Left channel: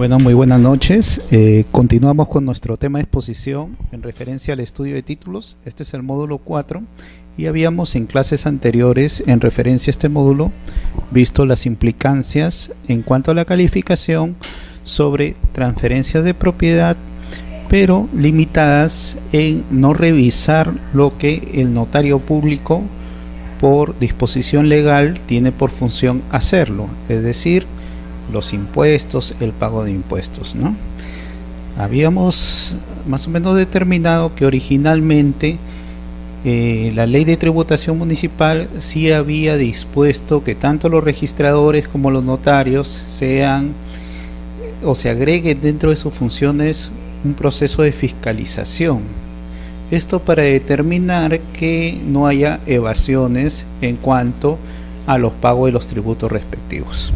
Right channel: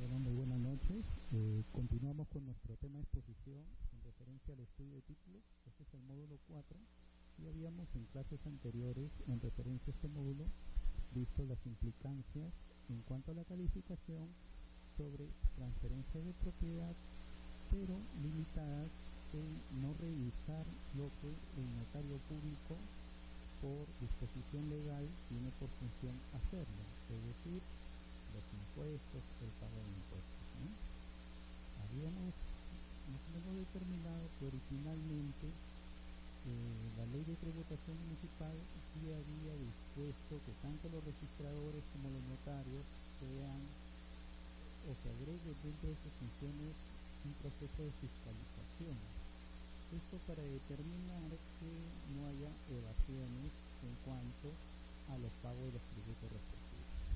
Bueno, muy buenas noches. Continuamos con nuestro tema de exposición en referencia al estudio de títulos. Este es el módulo 4 y habíamos en clases anteriores en referencia a este módulo visto las implicancias en cuanto a la calificación sobre transferencias de propiedad, pero limitadas en no revisar lo que el notario público por disposición legal tiene por función hacerlo, es decir, los impuestos, el pago de impuestos, ¿no? Habíamos más o menos determinado que originalmente la ley de tributación municipal sí había dispuesto que tanto los registradores como los notarios sean o se agreguen dentro de sus funciones un proceso de fiscalización. Esto para determinar que no haya evasiones en cuanto a los pagos de los tributos respectivos.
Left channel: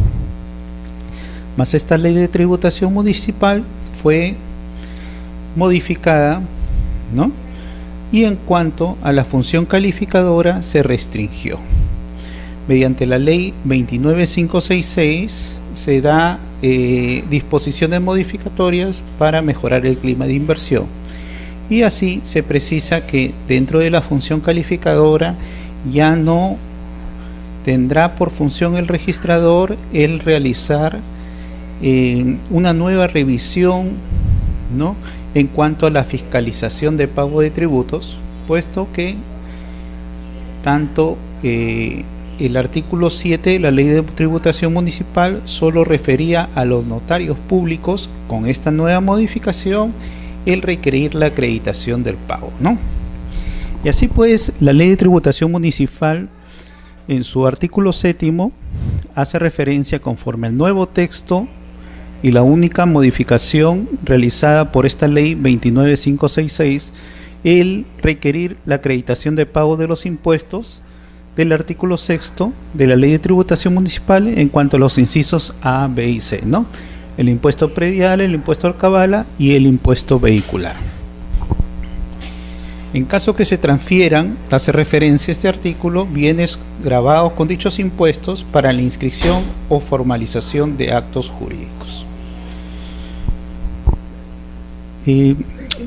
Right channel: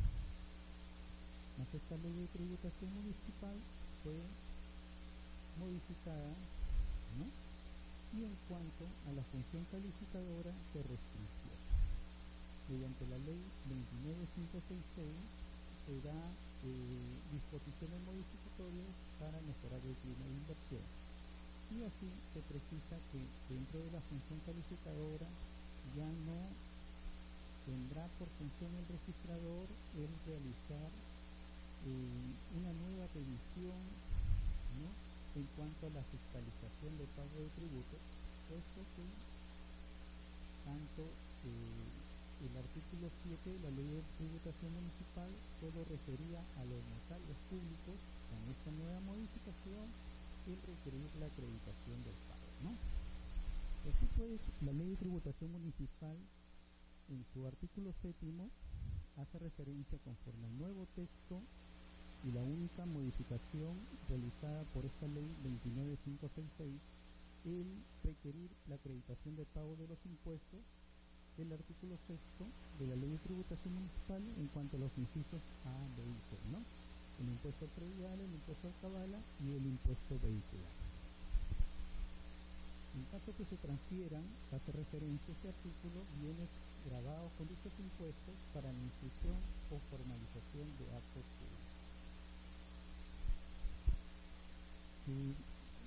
Mas esta ley de tributación municipal fue modificada, ¿no? Y en cuanto a la función calificadora se restringió. Mediante la ley 29566 se da disposiciones modificatorias para mejorar el clima de inversión. Y así se precisa que dentro de la función calificadora ya no tendrá por función el registrador el realizar una nueva revisión, ¿no?, en cuanto a la fiscalización de pago de tributos, puesto que tanto el artículo 7 de la ley de tributación municipal solo refería a los notarios públicos. Con esta nueva modificación el requerir la acreditación del pago, ¿no? Y así pues la ley de tributación municipal en su artículo 7 hace referencia conforme al nuevo texto y la única modificación realizada por esta ley 29566, el requerir la acreditación de pago de los impuestos del artículo 6 de la ley de tributación municipal en cuanto a los incisos A, B y C, ¿no? El impuesto predial, el impuesto alcabala y el impuesto vehicular. En caso que se transfieran, hace referencia a este artículo, bienes grabados con dichos impuestos para la inscripción o formalización de actos jurídicos.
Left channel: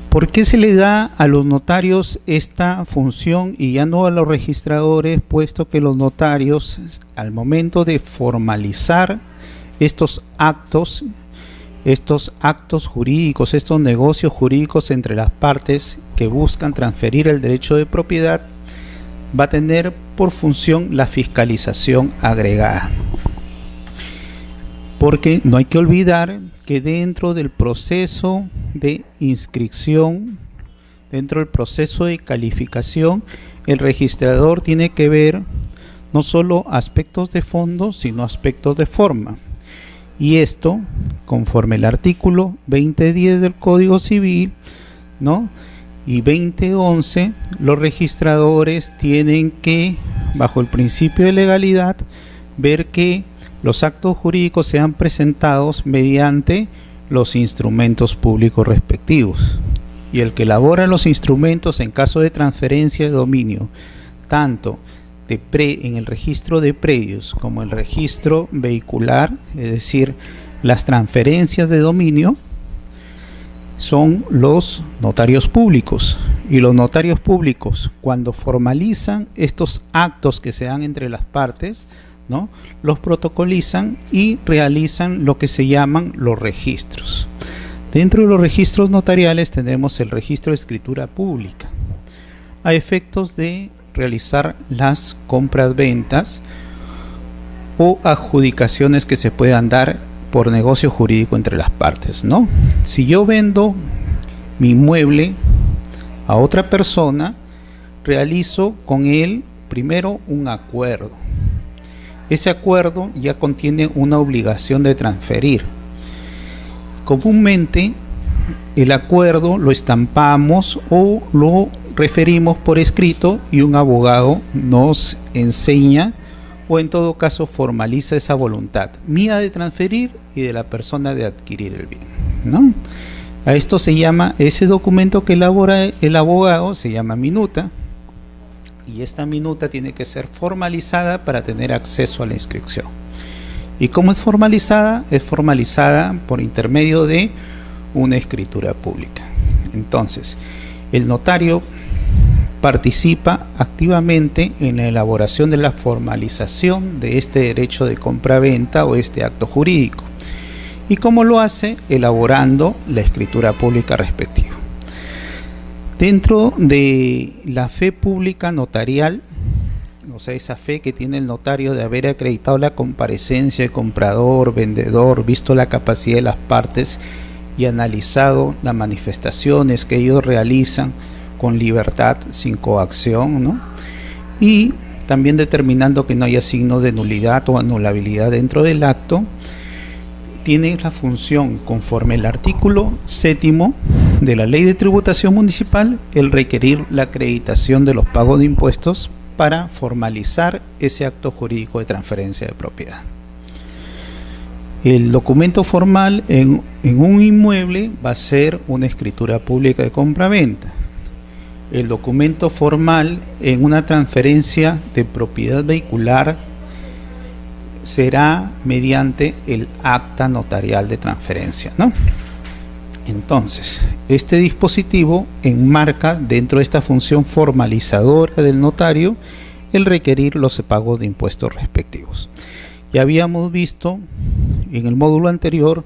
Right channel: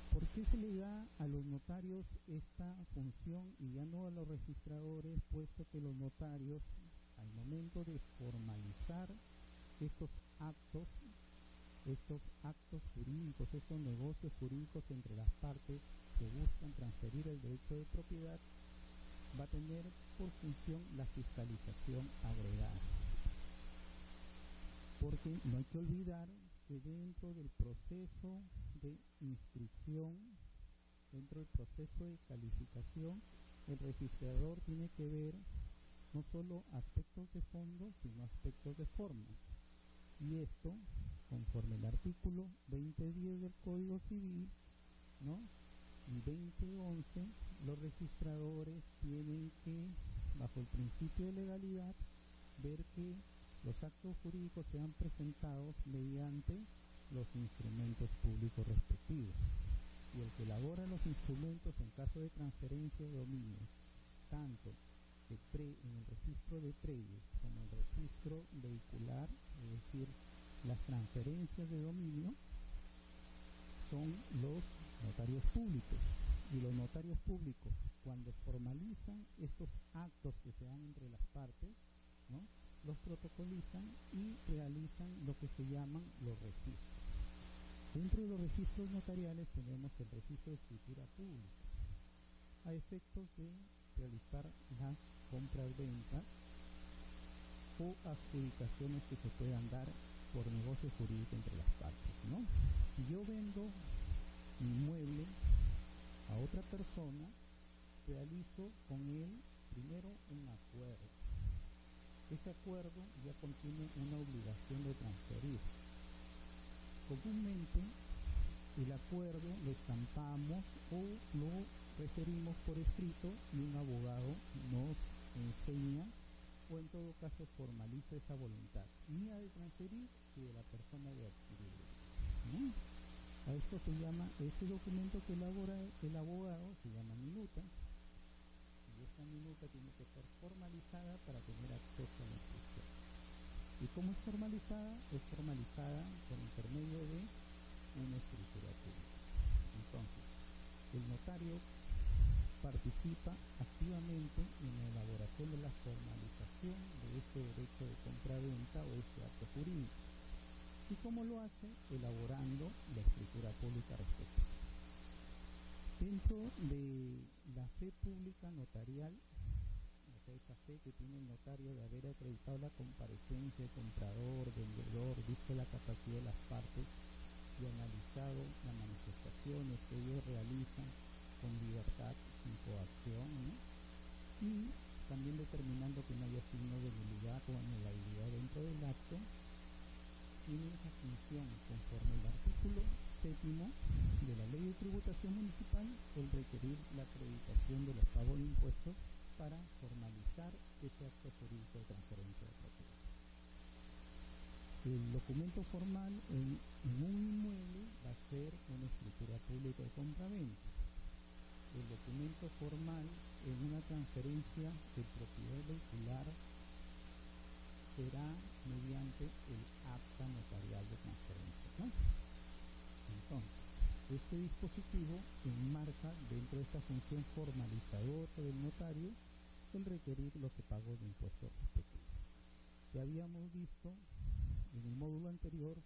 ¿Por qué se le da a los notarios esta función y ya no a los registradores, puesto que los notarios al momento de formalizar estos actos jurídicos, estos negocios jurídicos entre las partes que buscan transferir el derecho de propiedad, va a tener por función la fiscalización agregada? Porque no hay que olvidar que dentro del proceso de inscripción, dentro del proceso de calificación, el registrador tiene que ver no solo aspectos de fondo, sino aspectos de forma. Y esto, conforme el artículo 2010 del Código Civil, ¿no?, y 2011, los registradores tienen que, bajo el principio de legalidad, ver que los actos jurídicos sean presentados mediante los instrumentos públicos respectivos. Y el que elabora los instrumentos en caso de transferencia de dominio, tanto en el registro de predios como el registro vehicular, es decir, las transferencias de dominio, son los notarios públicos. Y los notarios públicos, cuando formalizan estos actos que se dan entre las partes, ¿no?, los protocolizan y realizan lo que se llaman los registros. Dentro de los registros notariales tenemos el registro de escritura pública, a efectos de realizar las compras-ventas o adjudicaciones que se puedan dar por negocio jurídico entre las partes, ¿no? Si yo vendo mi inmueble a otra persona, realizo con él primero un acuerdo. Ese acuerdo ya contiene una obligación de transferir. Comúnmente el acuerdo lo estampamos o lo referimos por escrito y un abogado nos enseña o en todo caso formaliza esa voluntad mía de transferir y de la persona de adquirir el bien, ¿no? A esto se llama, ese documento que elabora el abogado se llama minuta. Y esta minuta tiene que ser formalizada para tener acceso a la inscripción. ¿Y cómo es formalizada? Es formalizada por intermedio de una escritura pública. Entonces, el notario participa activamente en la elaboración de la formalización de este derecho de compra-venta o este acto jurídico. ¿Y cómo lo hace? Elaborando la escritura pública respectiva. Dentro de la fe pública notarial, o sea, esa fe que tiene el notario de haber acreditado la comparecencia de comprador, vendedor, visto la capacidad de las partes y analizado las manifestaciones que ellos realizan con libertad, sin coacción, ¿no? Y también determinando que no haya signos de nulidad o anulabilidad dentro del acto, tiene la función, conforme al artículo 7º de la Ley de Tributación Municipal, el requerir la acreditación de los pagos de impuestos para formalizar ese acto jurídico de transferencia de propiedad. El documento formal en un inmueble va a ser una escritura pública de compra-venta. El documento formal en una transferencia de propiedad vehicular será mediante el acta notarial de transferencia, ¿no? Entonces, este dispositivo enmarca dentro de esta función formalizadora del notario el requerir los pagos de impuestos respectivos. Ya habíamos visto en el módulo anterior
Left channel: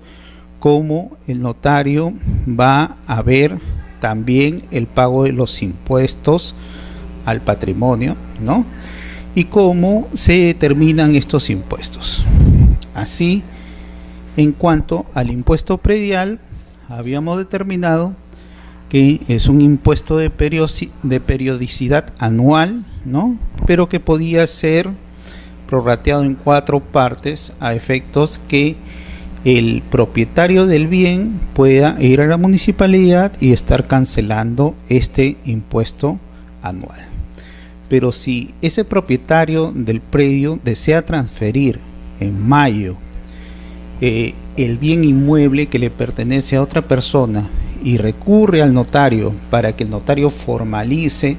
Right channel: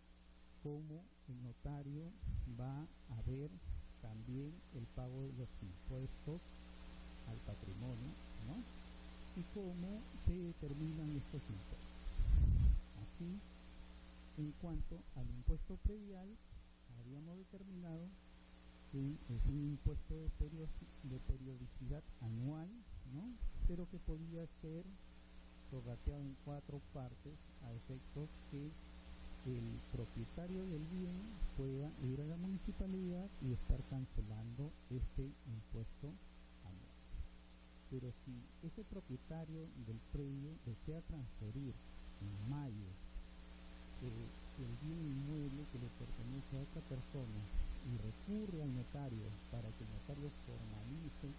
cómo el notario va a ver también el pago de los impuestos al patrimonio, ¿no? Y cómo se determinan estos impuestos. Así, en cuanto al impuesto predial, habíamos determinado que es un impuesto de periodicidad anual, ¿no? Pero que podía ser prorrateado en 4 partes a efectos que el propietario del bien pueda ir a la municipalidad y estar cancelando este impuesto anual. Pero si ese propietario del predio desea transferir en mayo el bien inmueble que le pertenece a otra persona y recurre al notario para que el notario formalice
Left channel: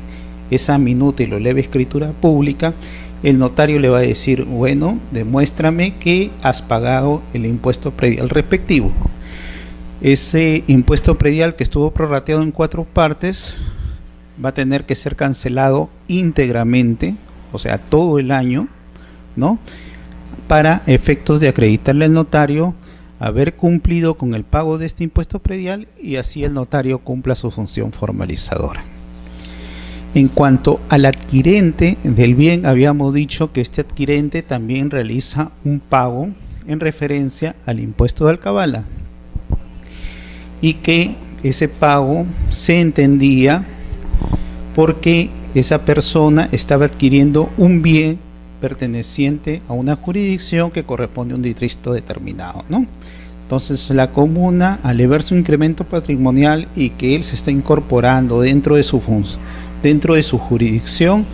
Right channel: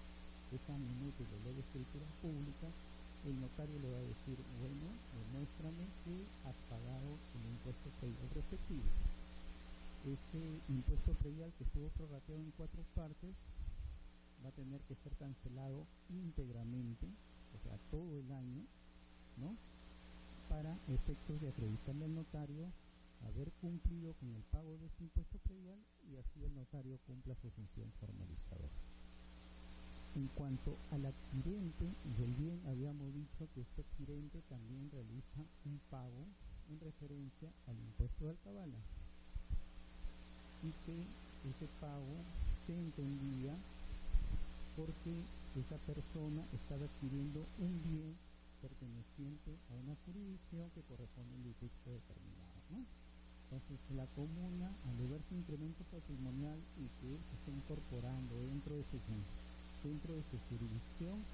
esa minuta y lo eleve a escritura pública, el notario le va a decir, bueno, demuéstrame que has pagado el impuesto predial respectivo. Ese impuesto predial que estuvo prorrateado en 4 partes va a tener que ser cancelado íntegramente, o sea, todo el año, ¿no? Para efectos de acreditarle al notario haber cumplido con el pago de este impuesto predial y así el notario cumpla su función formalizadora. En cuanto al adquirente del bien, habíamos dicho que este adquirente también realiza un pago en referencia al impuesto de alcabala y que ese pago se entendía porque esa persona estaba adquiriendo un bien perteneciente a una jurisdicción que corresponde a un distrito determinado, ¿no? Entonces la comuna, al ver su incremento patrimonial y que él se está incorporando dentro de su función, dentro de su jurisdicción,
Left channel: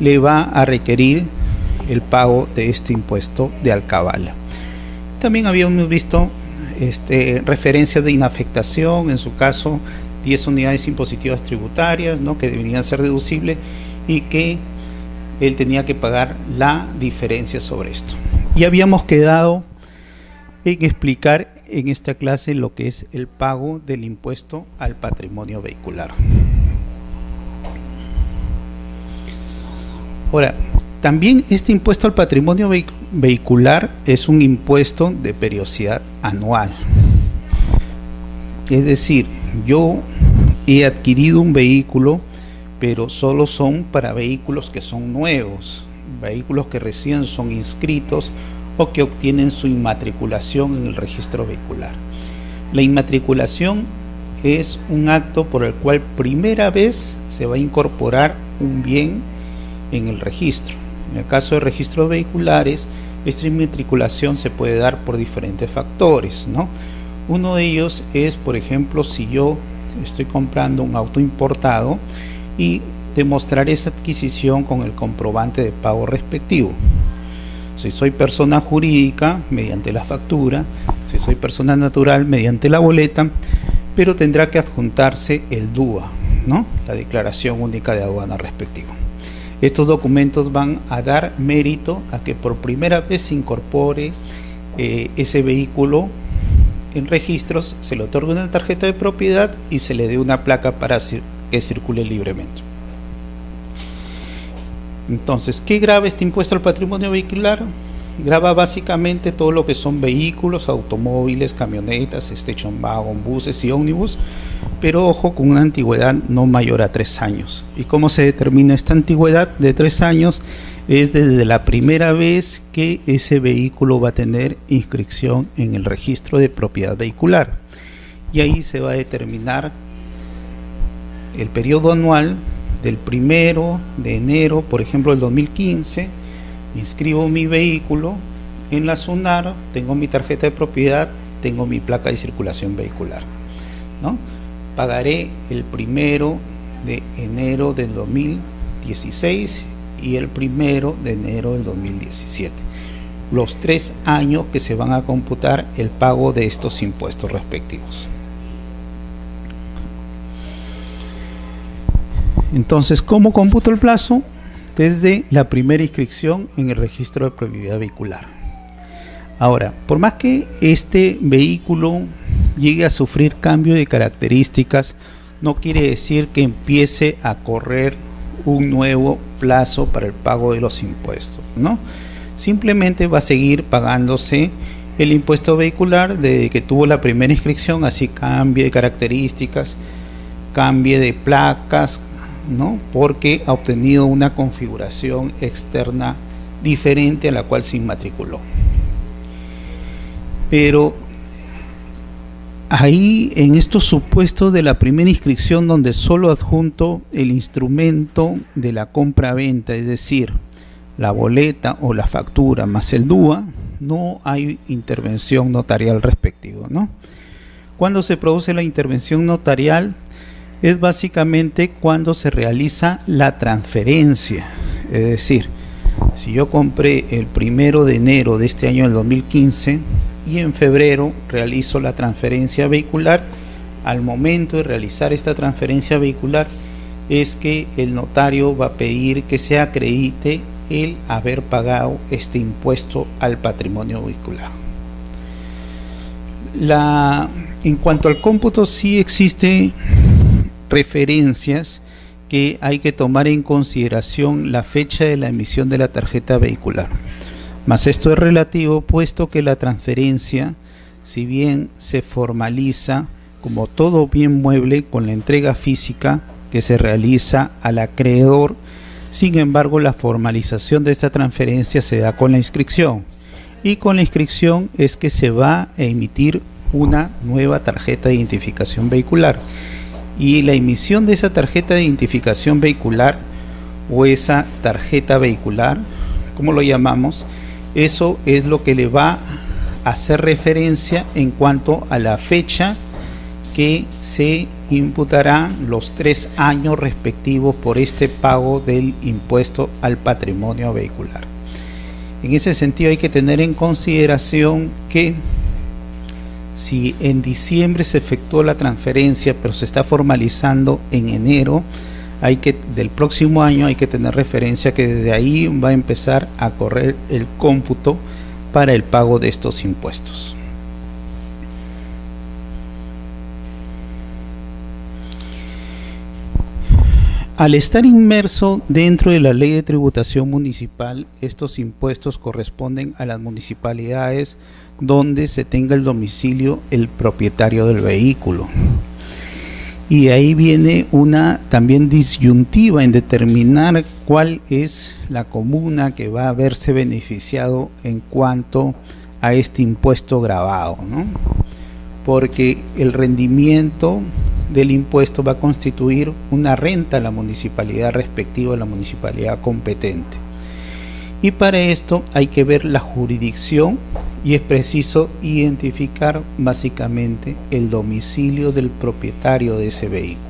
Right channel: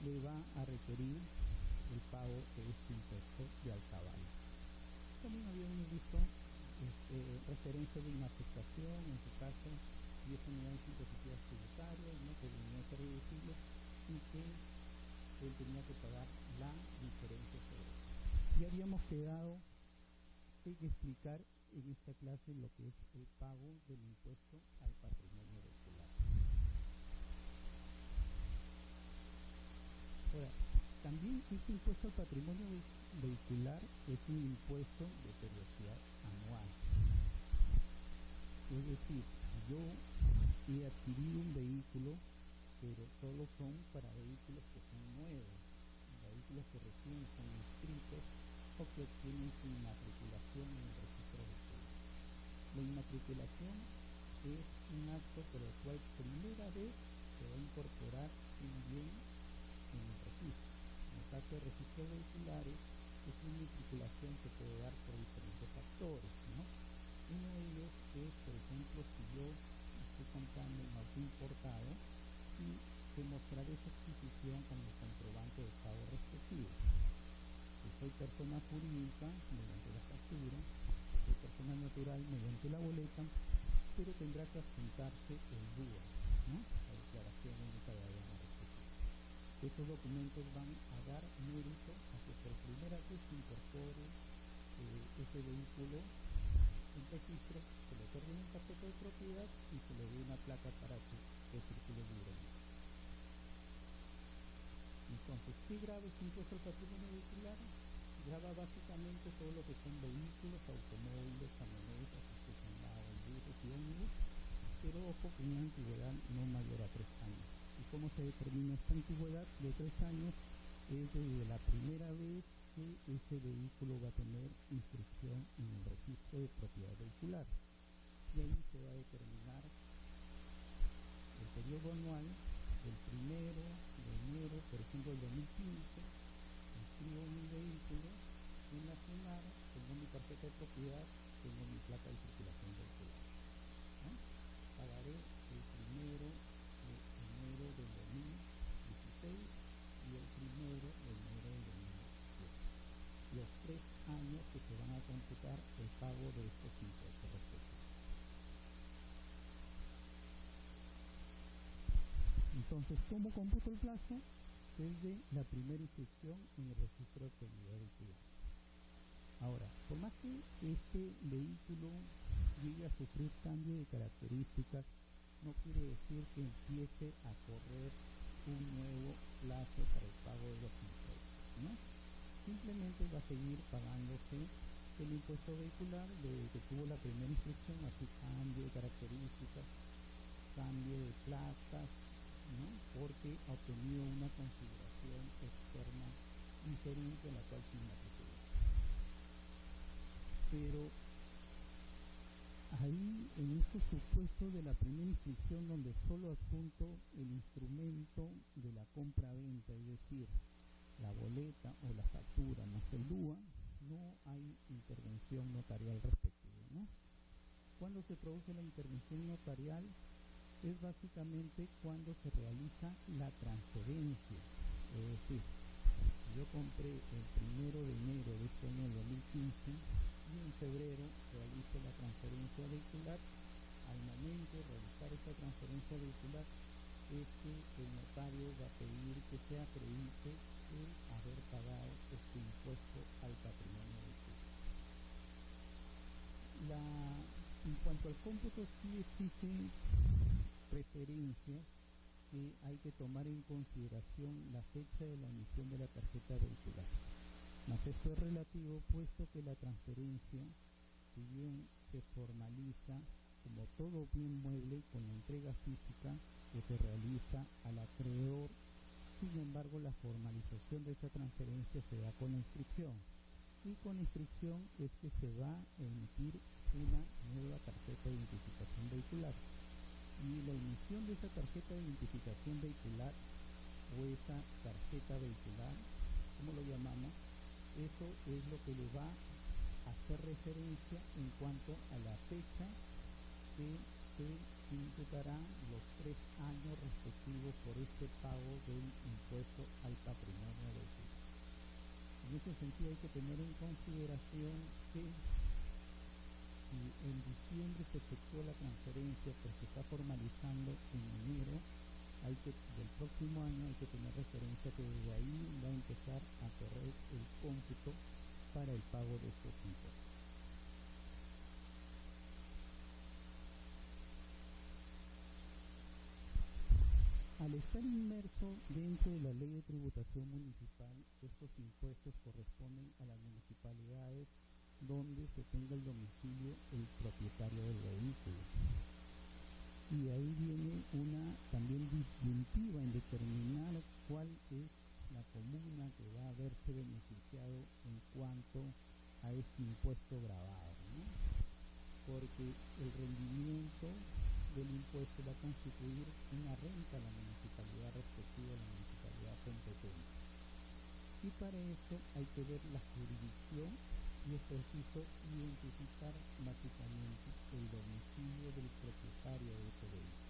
le va a requerir el pago de este impuesto de alcabala. También habíamos visto referencias de inafectación, en su caso 10 unidades impositivas tributarias, ¿no? Que deberían ser deducibles y que él tenía que pagar la diferencia sobre esto. Y habíamos quedado en explicar en esta clase lo que es el pago del impuesto al patrimonio vehicular. Ahora, también este impuesto al patrimonio vehicular es un impuesto de periodicidad anual. Es decir, yo he adquirido un vehículo, pero solo son para vehículos que son nuevos, vehículos que recién son inscritos o que obtienen su inmatriculación en el registro vehicular. La inmatriculación es un acto por el cual primera vez se va a incorporar un bien en el registro. En el caso de registros vehiculares, esta inmatriculación se puede dar por diferentes factores, ¿no? Uno de ellos es, por ejemplo, si yo estoy comprando un auto importado y demostrar esa adquisición con el comprobante de pago respectivo. Si soy persona jurídica, mediante la factura; si soy persona natural, mediante la boleta, pero tendrá que adjuntarse el DUA, ¿no? La declaración única de aduana respectiva. Estos documentos van a dar mérito a que por primera vez se incorpore ese vehículo en registros, se le otorga una tarjeta de propiedad y se le dé una placa para que circule libremente. Entonces, ¿qué grava este impuesto al patrimonio vehicular? Grava básicamente todo lo que son vehículos, automóviles, camionetas, station wagon, buses y ómnibus, pero ojo, con una antigüedad no mayor a 3 años. ¿Y cómo se determina esta antigüedad de 3 años? Es desde la primera vez que ese vehículo va a tener inscripción en el registro de propiedad vehicular. Y ahí se va a determinar el periodo anual del 1 de enero, por ejemplo, del 2015, inscribo mi vehículo en la SUNAR, tengo mi tarjeta de propiedad, tengo mi placa de circulación vehicular, ¿no? Pagaré el 1 de enero del 2016 y el 1 de enero del 2017, los 3 años que se van a computar el pago de estos impuestos respectivos. Entonces, ¿cómo computo el plazo? Desde la primera inscripción en el registro de propiedad vehicular. Ahora, por más que este vehículo llegue a sufrir cambio de características, no quiere decir que empiece a correr un nuevo plazo para el pago de los impuestos, ¿no? Simplemente va a seguir pagándose el impuesto vehicular desde que tuvo la primera inscripción, así cambie de características, cambie de placas, ¿no? Porque ha obtenido una configuración externa diferente a la cual se inmatriculó. Pero ahí, en estos supuestos de la primera inscripción, donde solo adjunto el instrumento de la compra-venta, es decir, la boleta o la factura más el DUA, no hay intervención notarial respectiva, ¿no? Cuando se produce la intervención notarial es básicamente cuando se realiza la transferencia. Es decir, si yo compré el 1 de enero de este año del 2015 y en febrero realizo la transferencia vehicular, al momento de realizar esta transferencia vehicular es que el notario va a pedir que se acredite el haber pagado este impuesto al patrimonio vehicular. En cuanto al cómputo, sí existe referencias que hay que tomar en consideración la fecha de la emisión de la tarjeta vehicular. Mas esto es relativo, puesto que la transferencia, si bien se formaliza como todo bien mueble con la entrega física que se realiza al acreedor, sin embargo la formalización de esta transferencia se da con la inscripción, y con la inscripción es que se va a emitir una nueva tarjeta de identificación vehicular. Y la emisión de esa tarjeta de identificación vehicular o esa tarjeta vehicular, como lo llamamos, eso es lo que le va a hacer referencia en cuanto a la fecha que se imputarán los 3 años respectivos por este pago del impuesto al patrimonio vehicular. En ese sentido hay que tener en consideración que si en diciembre se efectuó la transferencia, pero se está formalizando en enero, del próximo año hay que tener referencia que desde ahí va a empezar a correr el cómputo para el pago de estos impuestos. Al estar inmerso dentro de la ley de tributación municipal, estos impuestos corresponden a las municipalidades donde se tenga el domicilio el propietario del vehículo. Y ahí viene una también disyuntiva en determinar cuál es la comuna que va a verse beneficiado en cuanto a este impuesto gravado, ¿no? Porque el rendimiento del impuesto va a constituir una renta a la municipalidad respectiva, a la municipalidad competente. Y para esto hay que ver la jurisdicción y es preciso identificar básicamente el domicilio del propietario de ese vehículo,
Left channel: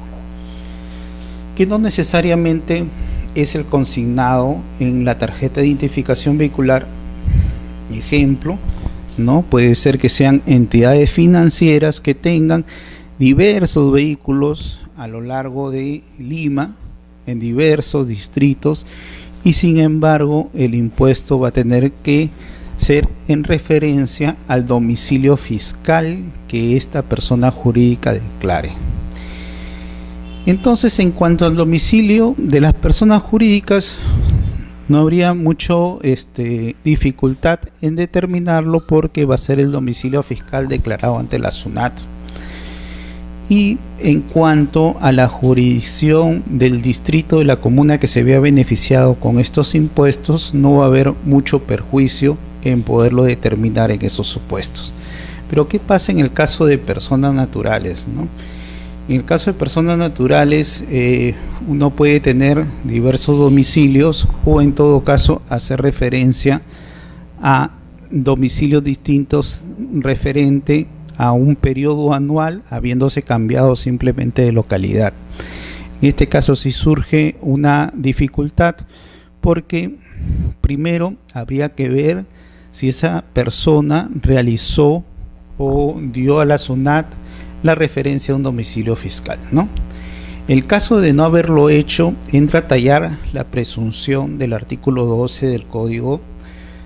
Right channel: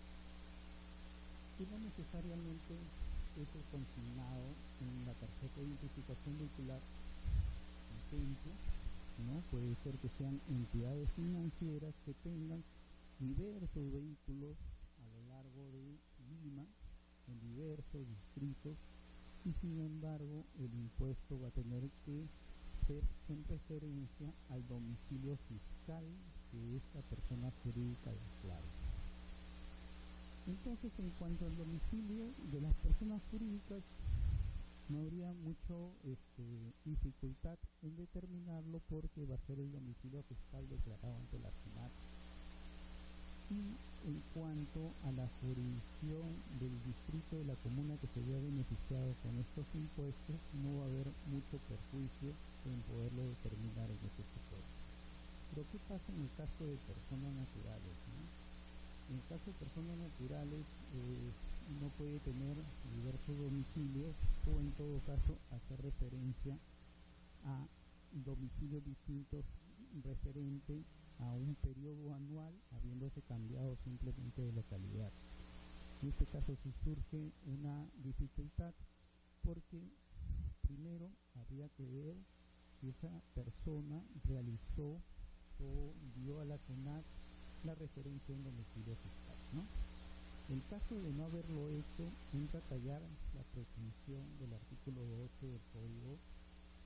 que no necesariamente es el consignado en la tarjeta de identificación vehicular. Ejemplo, ¿no? Puede ser que sean entidades financieras que tengan diversos vehículos a lo largo de Lima, en diversos distritos, y sin embargo el impuesto va a tener que ser en referencia al domicilio fiscal que esta persona jurídica declare. Entonces, en cuanto al domicilio de las personas jurídicas, no habría mucho dificultad en determinarlo, porque va a ser el domicilio fiscal declarado ante la SUNAT. Y en cuanto a la jurisdicción del distrito de la comuna que se vea beneficiado con estos impuestos, no va a haber mucho perjuicio en poderlo determinar en esos supuestos. Pero ¿qué pasa en el caso de personas naturales, ¿no? En el caso de personas naturales, uno puede tener diversos domicilios, o en todo caso hacer referencia a domicilios distintos referente a un periodo anual, habiéndose cambiado simplemente de localidad. En este caso sí surge una dificultad, porque primero habría que ver si esa persona realizó o dio a la SUNAT la referencia a un domicilio fiscal, ¿no? El caso de no haberlo hecho, entra a tallar la presunción del artículo 12 del Código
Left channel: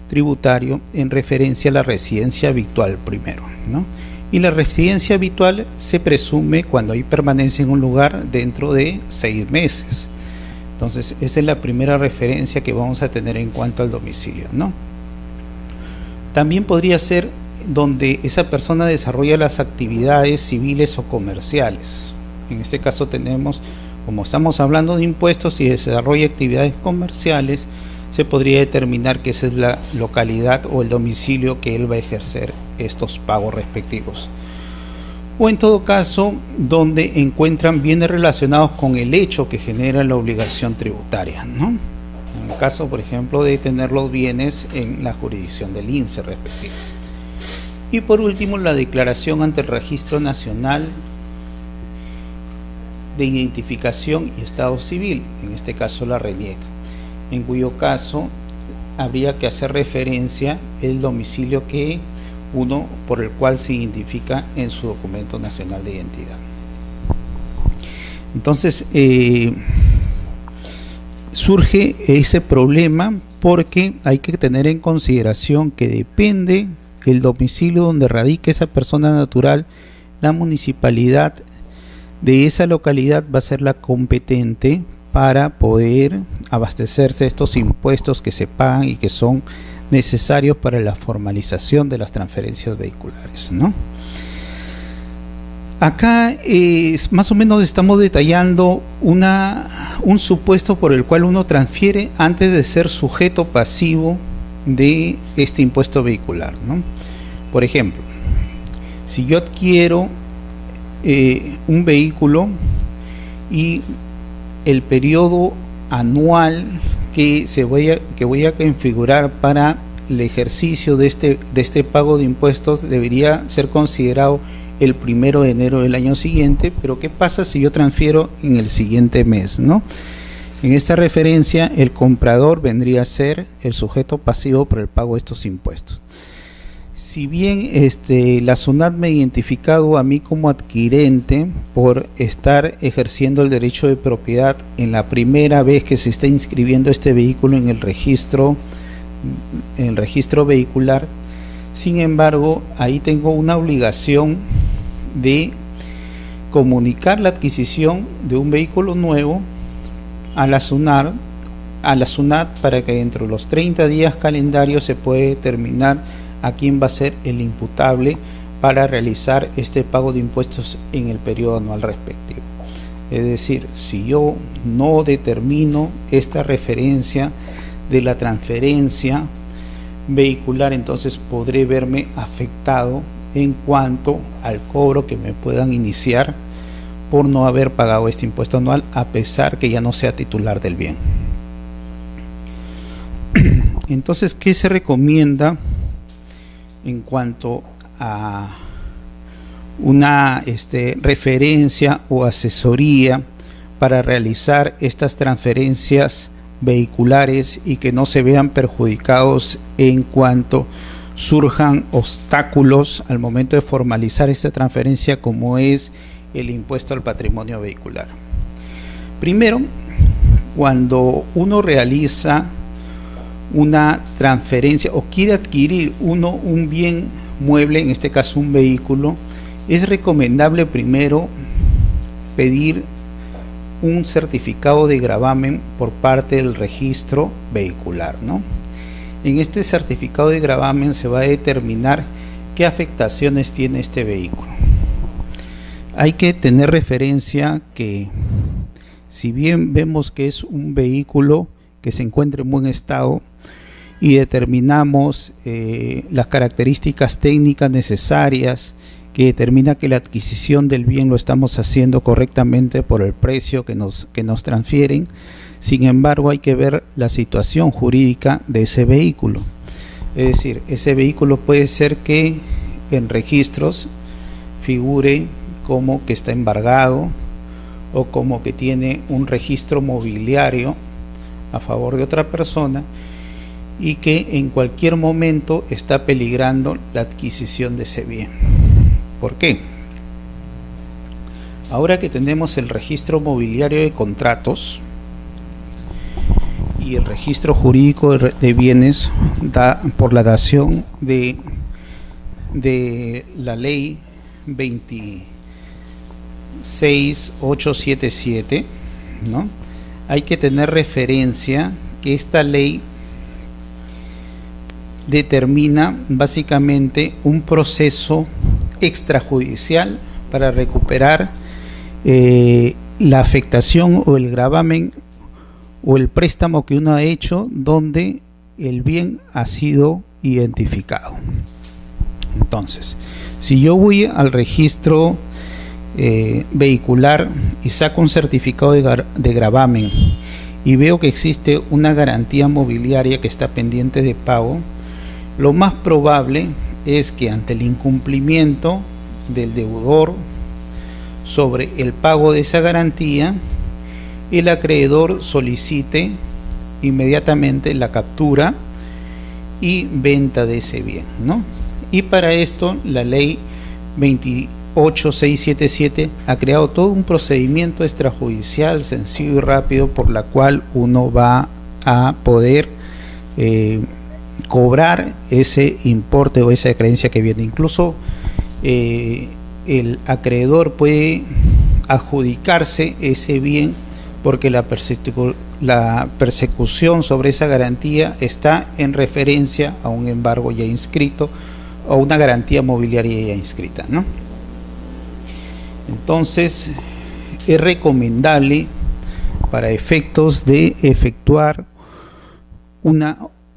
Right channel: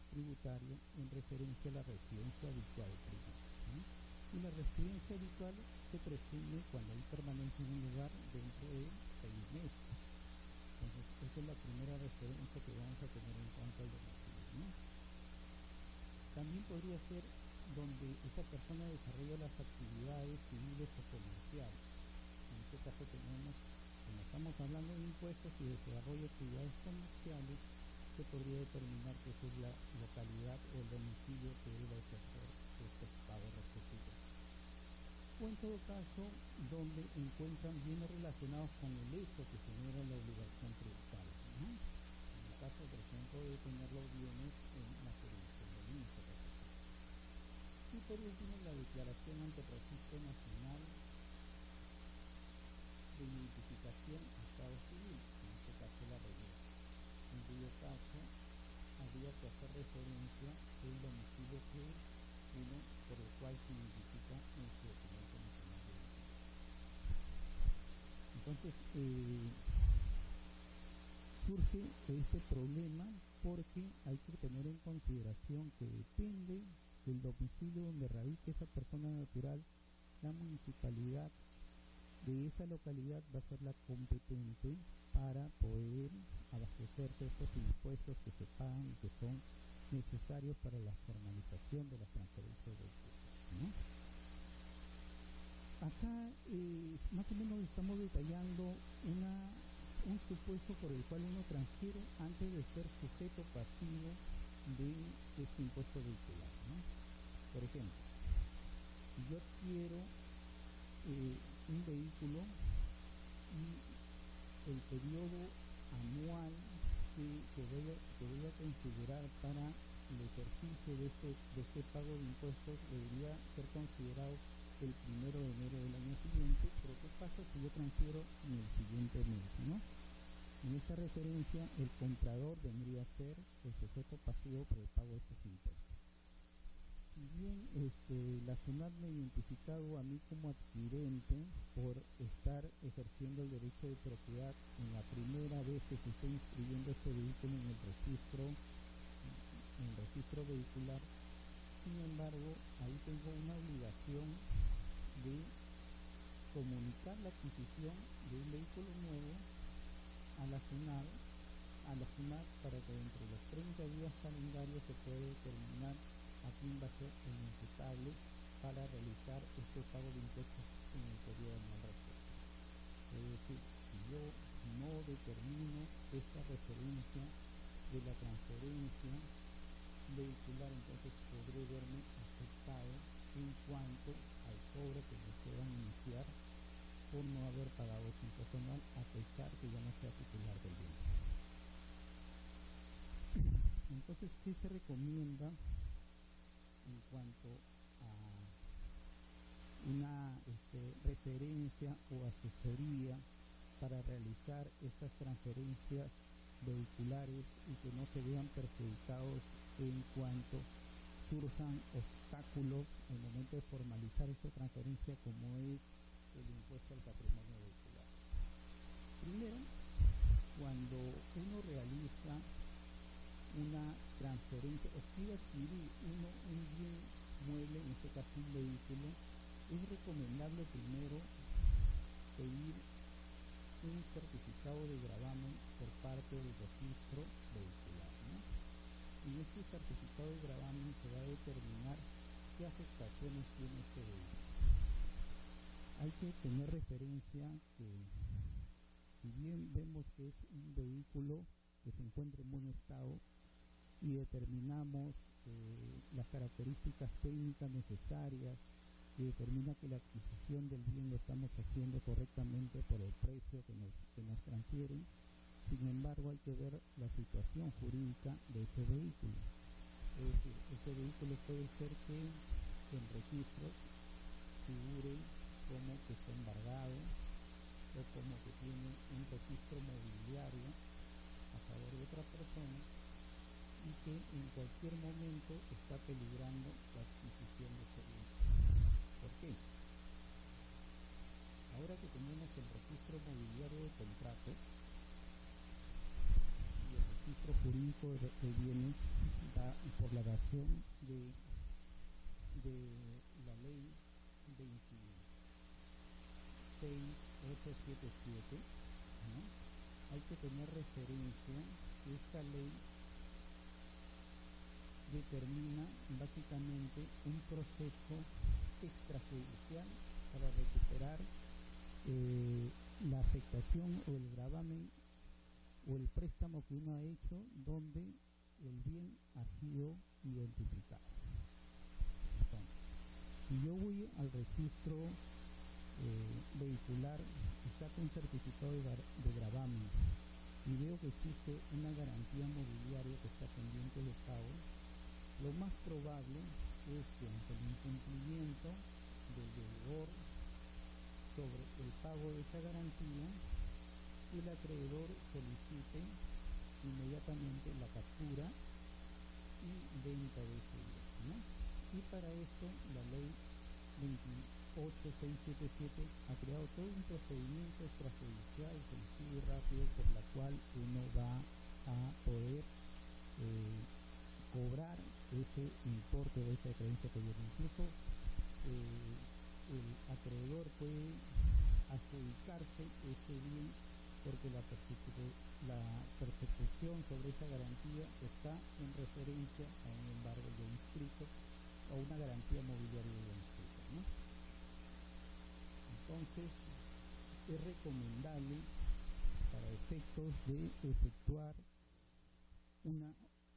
Tributario en referencia a la residencia habitual primero, ¿no? Y la residencia habitual se presume cuando hay permanencia en un lugar dentro de 6 meses. Entonces, esa es la primera referencia que vamos a tener en cuanto al domicilio, ¿no? También podría ser donde esa persona desarrolla las actividades civiles o comerciales. En este caso tenemos, como estamos hablando de impuestos, y desarrolla actividades comerciales, se podría determinar que esa es la localidad o el domicilio que él va a ejercer estos pagos respectivos. O en todo caso, donde encuentran bienes relacionados con el hecho que genera la obligación tributaria, ¿no? En el caso, por ejemplo, de tener los bienes en la jurisdicción del INSE respectivo. Y por último, la declaración ante el Registro Nacional de Identificación y Estado Civil, en este caso la RENIEC, en cuyo caso habría que hacer referencia el domicilio por el cual se identifica en su documento nacional de identidad. Entonces, surge ese problema porque hay que tener en consideración que depende el domicilio donde radique esa persona natural, la municipalidad de esa localidad va a ser la competente para poder abastecerse de estos impuestos que se pagan y que son necesarios para la formalización de las transferencias vehiculares, ¿no? Acá más o menos estamos detallando un supuesto por el cual uno transfiere antes de ser sujeto pasivo de este impuesto vehicular, ¿no? Por ejemplo, si yo adquiero un vehículo y el periodo anual que voy a configurar para el ejercicio de este pago de impuestos debería ser considerado el 1 de enero del año siguiente, pero ¿qué pasa si yo transfiero en el siguiente mes, ¿no? En esta referencia, el comprador vendría a ser el sujeto pasivo por el pago de estos impuestos. Si bien la SUNAT me ha identificado a mí como adquirente por estar ejerciendo el derecho de propiedad en la primera vez que se está inscribiendo este vehículo en el registro vehicular, sin embargo, ahí tengo una obligación de comunicar la adquisición de un vehículo nuevo a la SUNAT para que dentro de los 30 días calendarios se pueda determinar a quién va a ser el imputable para realizar este pago de impuestos en el periodo anual respectivo. Es decir, si yo no determino esta referencia de la transferencia vehicular, entonces podré verme afectado en cuanto al cobro que me puedan iniciar por no haber pagado este impuesto anual, a pesar que ya no sea titular del bien. Entonces, ¿qué se recomienda en cuanto a una referencia o asesoría para realizar estas transferencias vehiculares y que no se vean perjudicados en cuanto surjan obstáculos al momento de formalizar esta transferencia, como es el impuesto al patrimonio vehicular? Primero, cuando uno realiza una transferencia o quiere adquirir un bien mueble, en este caso un vehículo, es recomendable primero pedir un certificado de gravamen por parte del registro vehicular, ¿no? En este certificado de gravamen se va a determinar qué afectaciones tiene este vehículo. Hay que tener referencia que si bien vemos que es un vehículo que se encuentra en buen estado y determinamos las características técnicas necesarias que determina que la adquisición del bien lo estamos haciendo correctamente por el precio que nos transfieren, sin embargo hay que ver la situación jurídica de ese vehículo. Es decir, ese vehículo puede ser que en registros figure como que está embargado o como que tiene un registro mobiliario a favor de otra persona y que en cualquier momento está peligrando la adquisición de ese bien. ¿Por qué? Ahora que tenemos el registro mobiliario de contratos y el registro jurídico de bienes por la dación de la ley 26877, ¿no? Hay que tener referencia que esta ley determina básicamente un proceso extrajudicial para recuperar la afectación o el gravamen o el préstamo que uno ha hecho donde el bien ha sido identificado. Entonces, si yo voy al registro vehicular y saco un certificado de gravamen y veo que existe una garantía mobiliaria que está pendiente de pago, lo más probable es que ante el incumplimiento del deudor sobre el pago de esa garantía, el acreedor solicite inmediatamente la captura y venta de ese bien, ¿no? Y para esto la ley 28677 ha creado todo un procedimiento extrajudicial sencillo y rápido por la cual uno va a poder cobrar ese importe o esa creencia que viene. Incluso el acreedor puede adjudicarse ese bien porque la persecución sobre esa garantía está en referencia a un embargo ya inscrito o una garantía mobiliaria ya inscrita, ¿no? Entonces es recomendable para efectos de efectuar una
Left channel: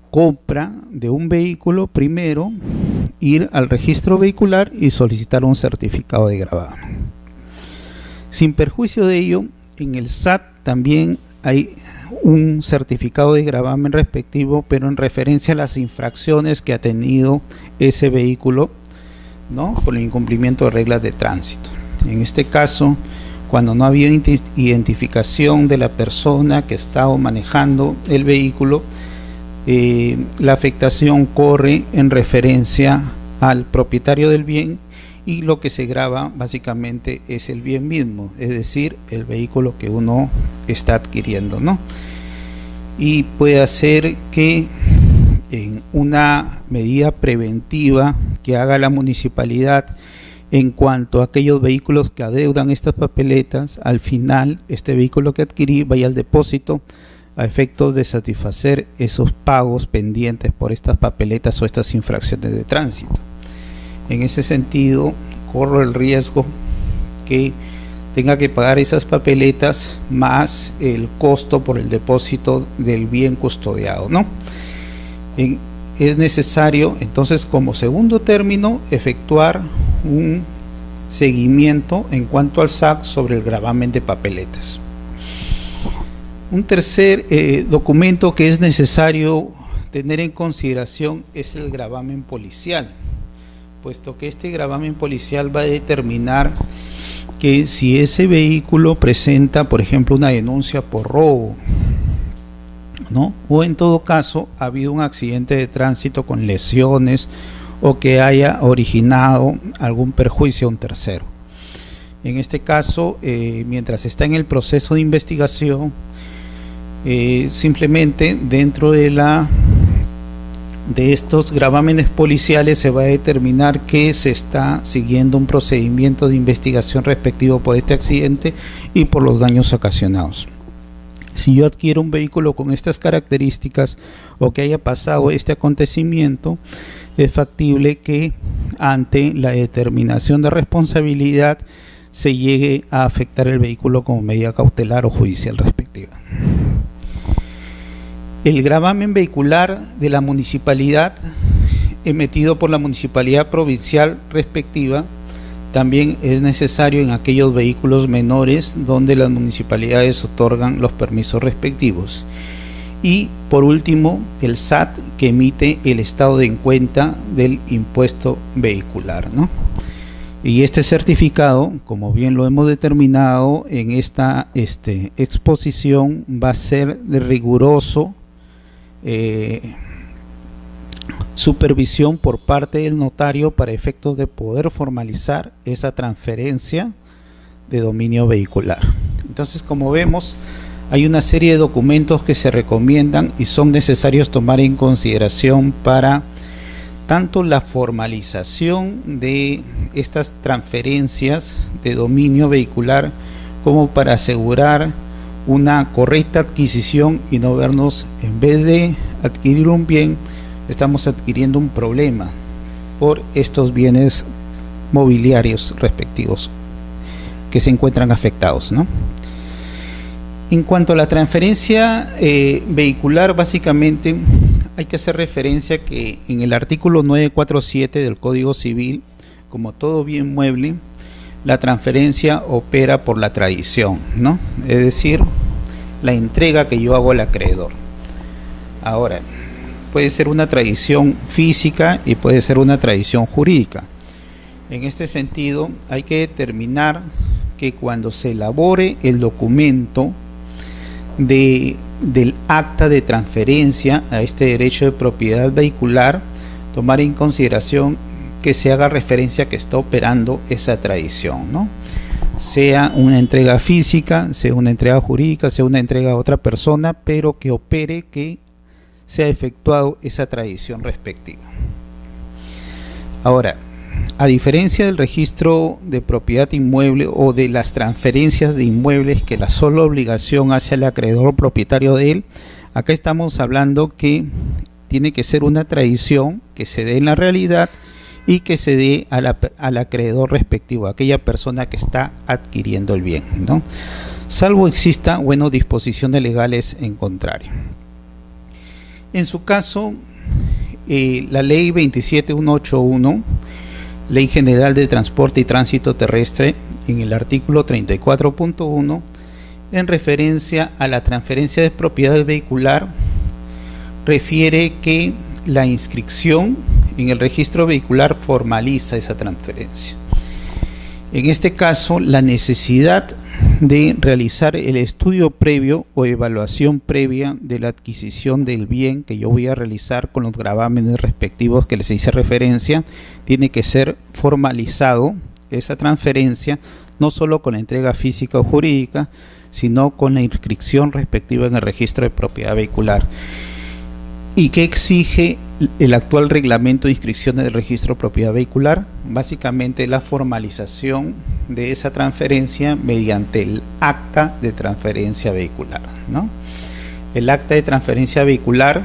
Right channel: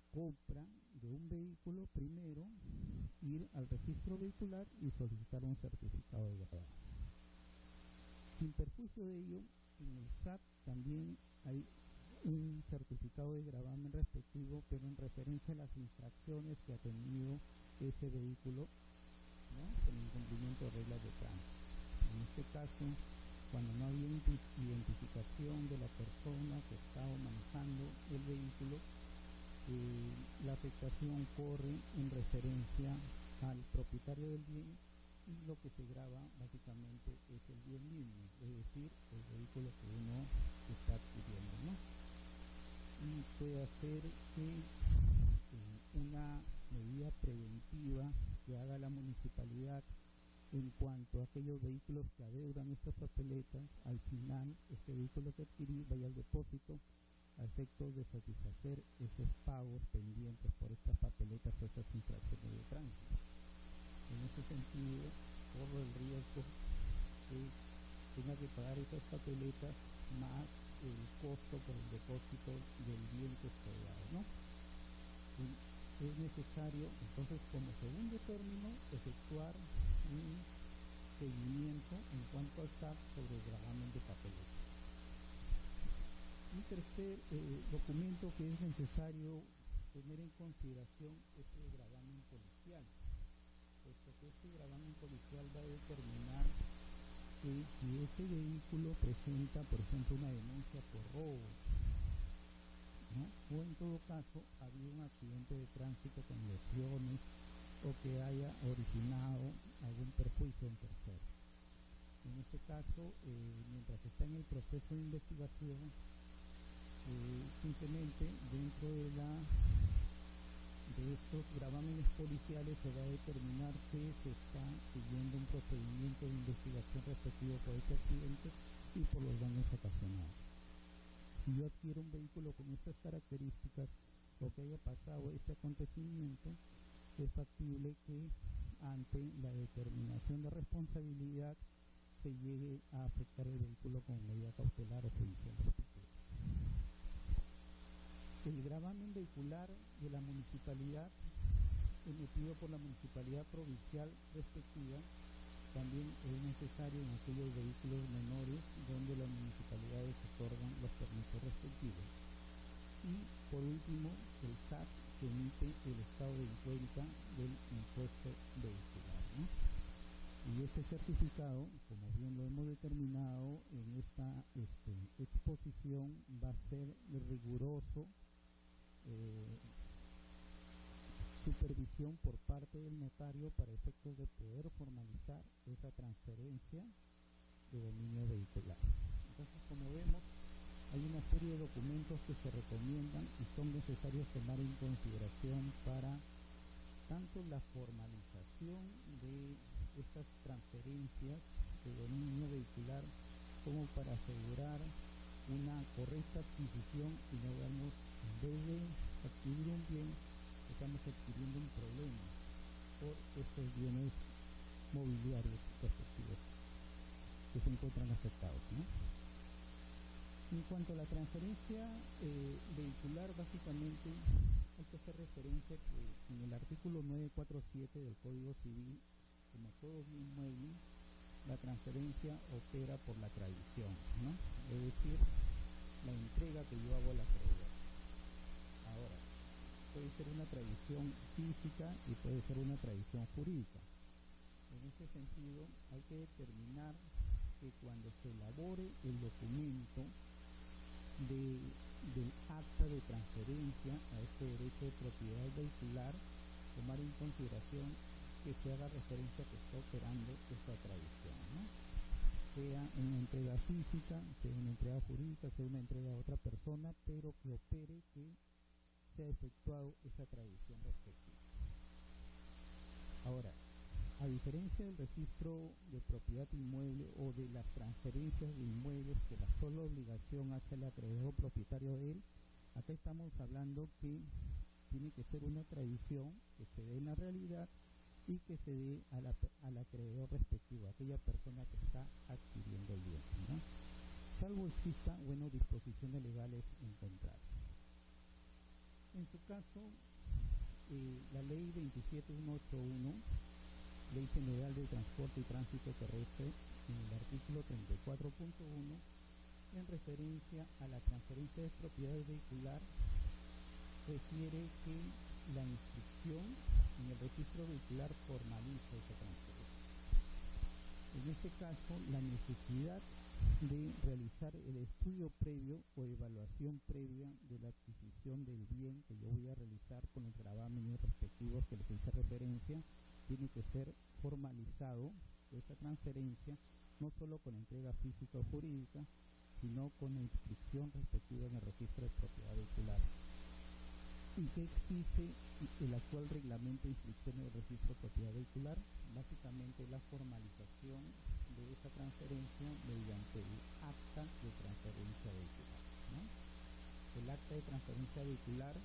compra de un vehículo, primero ir al registro vehicular y solicitar un certificado de gravamen. Sin perjuicio de ello, en el SAT también hay un certificado de gravamen respectivo, pero en referencia a las infracciones que ha tenido ese vehículo, ¿no?, por el incumplimiento de reglas de tránsito. En este caso, cuando no había identificación de la persona que estaba manejando el vehículo, la afectación corre en referencia al propietario del bien y lo que se grava básicamente es el bien mismo, es decir, el vehículo que uno está adquiriendo, ¿no? Y puede hacer que en una medida preventiva que haga la municipalidad en cuanto a aquellos vehículos que adeudan estas papeletas, al final este vehículo que adquirí vaya al depósito a efectos de satisfacer esos pagos pendientes por estas papeletas o estas infracciones de tránsito. En ese sentido, corro el riesgo que tenga que pagar esas papeletas más el costo por el depósito del bien custodiado, ¿no? Es necesario entonces, como segundo término, efectuar un seguimiento en cuanto al SAC sobre el gravamen de papeletas. Un tercer documento que es necesario tener en consideración es el gravamen policial, puesto que este gravamen policial va a determinar que si ese vehículo presenta, por ejemplo, una denuncia por robo, ¿no?, o en todo caso ha habido un accidente de tránsito con lesiones o que haya originado algún perjuicio a un tercero. En este caso, mientras está en el proceso de investigación, simplemente dentro de la de estos gravámenes policiales se va a determinar que se está siguiendo un procedimiento de investigación respectivo por este accidente y por los daños ocasionados. Si yo adquiero un vehículo con estas características o que haya pasado este acontecimiento, es factible que ante la determinación de responsabilidad se llegue a afectar el vehículo como medida cautelar o judicial respectiva. El gravamen vehicular de la municipalidad emitido por la municipalidad provincial respectiva también es necesario en aquellos vehículos menores donde las municipalidades otorgan los permisos respectivos. Y por último, el SAT, que emite el estado de cuenta del impuesto vehicular, ¿no? Y este certificado, como bien lo hemos determinado en esta exposición, va a ser de riguroso supervisión por parte del notario para efectos de poder formalizar esa transferencia de dominio vehicular. Entonces, como vemos, hay una serie de documentos que se recomiendan y son necesarios tomar en consideración para tanto la formalización de estas transferencias de dominio vehicular como para asegurar una correcta adquisición y no vernos, en vez de adquirir un bien, estamos adquiriendo un problema por estos bienes mobiliarios respectivos que se encuentran afectados, ¿no? En cuanto a la transferencia vehicular, básicamente hay que hacer referencia que en el artículo 947 del Código Civil, como todo bien mueble, la transferencia opera por la tradición, ¿no? Es decir, la entrega que yo hago al acreedor. Ahora, puede ser una tradición física y puede ser una tradición jurídica. En este sentido, hay que determinar que cuando se elabore el documento del acta de transferencia a este derecho de propiedad vehicular, tomar en consideración que se haga referencia a que está operando esa tradición, ¿no? Sea una entrega física, sea una entrega jurídica, sea una entrega a otra persona, pero que opere que se ha efectuado esa tradición respectiva. Ahora, a diferencia del registro de propiedad inmueble o de las transferencias de inmuebles que la sola obligación hace al acreedor propietario de él, acá estamos hablando que tiene que ser una tradición que se dé en la realidad y que se dé al acreedor respectivo, a aquella persona que está adquiriendo el bien, ¿no? Salvo exista, bueno, disposiciones legales en contrario. En su caso, la ley 27181, Ley General de Transporte y Tránsito Terrestre, en el artículo 34.1, en referencia a la transferencia de propiedad vehicular, refiere que la inscripción en el registro vehicular formaliza esa transferencia. En este caso, la necesidad de realizar el estudio previo o evaluación previa de la adquisición del bien que yo voy a realizar con los gravámenes respectivos que les hice referencia, tiene que ser formalizado esa transferencia, no solo con la entrega física o jurídica, sino con la inscripción respectiva en el registro de propiedad vehicular. ¿Y qué exige el actual reglamento de inscripciones del registro de propiedad vehicular? Básicamente la formalización de esa transferencia mediante el acta de transferencia vehicular, ¿no? El acta de transferencia vehicular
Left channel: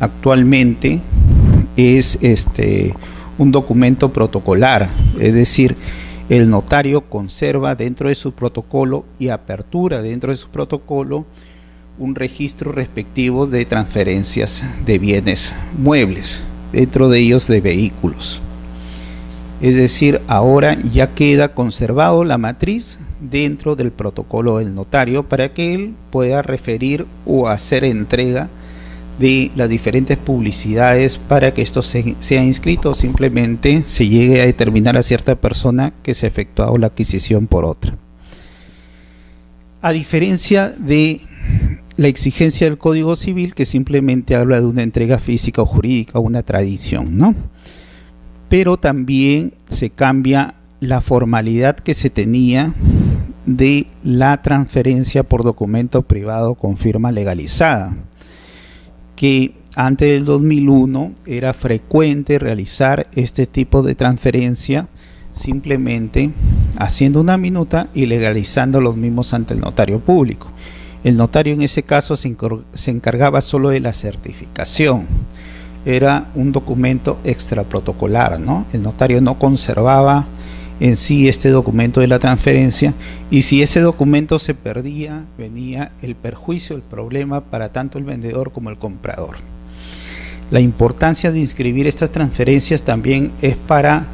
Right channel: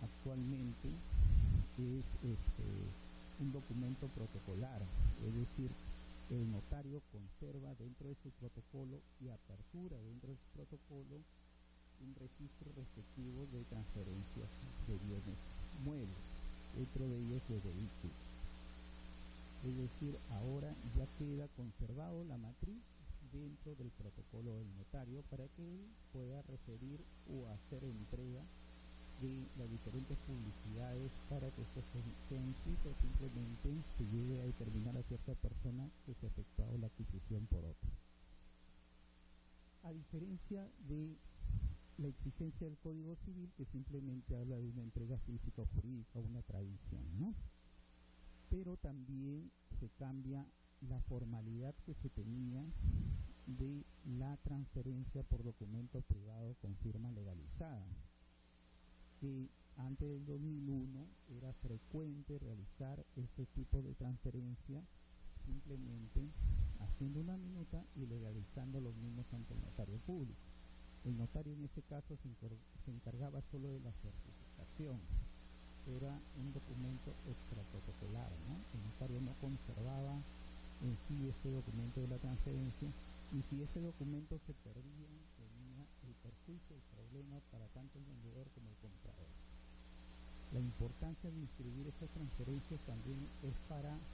actualmente es un documento protocolar, es decir, el notario conserva dentro de su protocolo y apertura dentro de su protocolo un registro respectivo de transferencias de bienes muebles, dentro de ellos de vehículos. Es decir, ahora ya queda conservado la matriz dentro del protocolo del notario para que él pueda referir o hacer entrega de las diferentes publicidades para que esto sea inscrito, o simplemente se llegue a determinar a cierta persona que se ha efectuado la adquisición por otra. A diferencia de la exigencia del Código Civil, que simplemente habla de una entrega física o jurídica, una tradición, ¿no? Pero también se cambia la formalidad que se tenía de la transferencia por documento privado con firma legalizada, que antes del 2001 era frecuente realizar este tipo de transferencia simplemente haciendo una minuta y legalizando los mismos ante el notario público. El notario en ese caso se encargaba solo de la certificación. Era un documento extraprotocolar, ¿no? El notario no conservaba en sí este documento de la transferencia, y si ese documento se perdía, venía el perjuicio, el problema para tanto el vendedor como el comprador. La importancia de inscribir estas transferencias también es para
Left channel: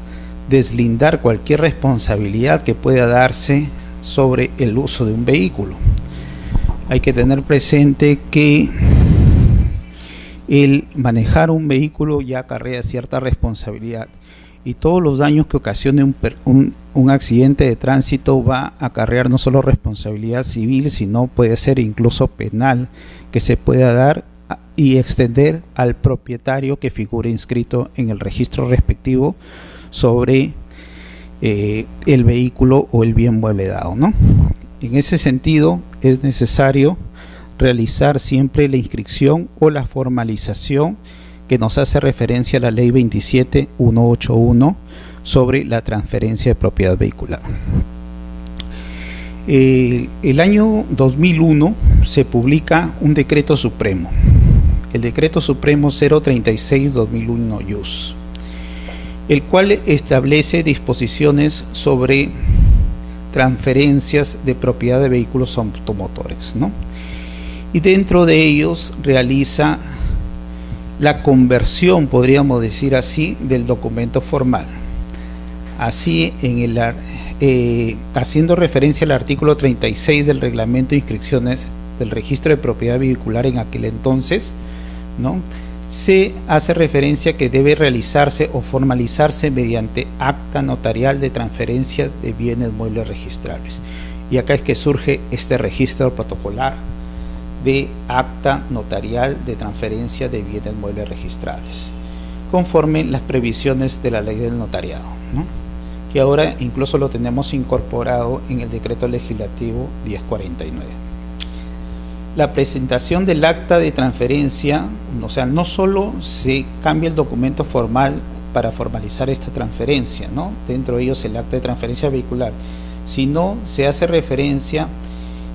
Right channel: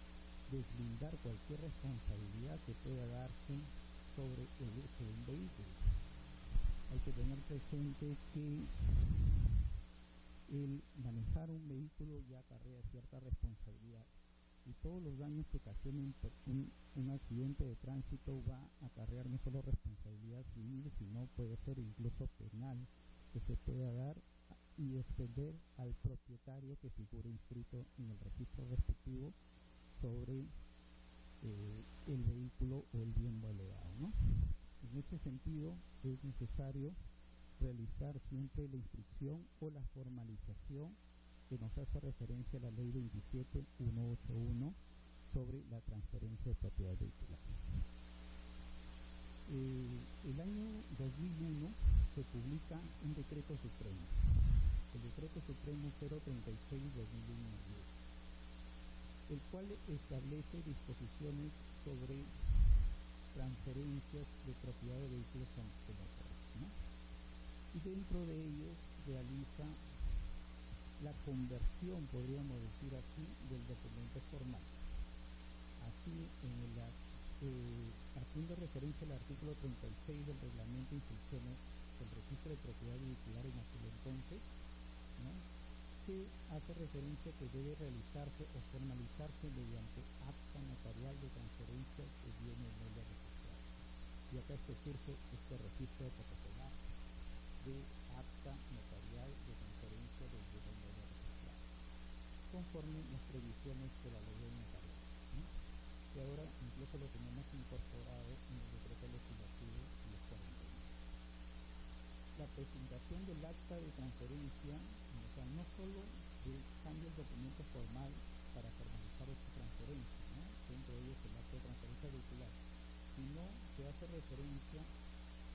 deslindar cualquier responsabilidad que pueda darse sobre el uso de un vehículo. Hay que tener presente que el manejar un vehículo ya acarrea cierta responsabilidad, y todos los daños que ocasione un accidente de tránsito va a acarrear no solo responsabilidad civil, sino puede ser incluso penal, que se pueda dar y extender al propietario que figure inscrito en el registro respectivo sobre el vehículo o el bien mueble dado, ¿no? En ese sentido es necesario realizar siempre la inscripción o la formalización que nos hace referencia a la ley 27181 sobre la transferencia de propiedad vehicular. El año 2001 se publica un decreto supremo, el decreto supremo 036-2001 IUS, el cual establece disposiciones sobre transferencias de propiedad de vehículos automotores, ¿no? Y dentro de ellos realiza la conversión, podríamos decir así, del documento formal. Así, haciendo referencia al artículo 36 del reglamento de inscripciones del registro de propiedad vehicular en aquel entonces, ¿no?, se hace referencia que debe realizarse o formalizarse mediante acta notarial de transferencia de bienes muebles registrables. Y acá es que surge este registro protocolar de acta notarial de transferencia de bienes muebles registrables, conforme las previsiones de la ley del notariado, ¿no?, que ahora incluso lo tenemos incorporado en el decreto legislativo 1049. La presentación del acta de transferencia, o sea, no solo se cambia el documento formal para formalizar esta transferencia, ¿no?, dentro de ellos el acta de transferencia vehicular, sino se hace referencia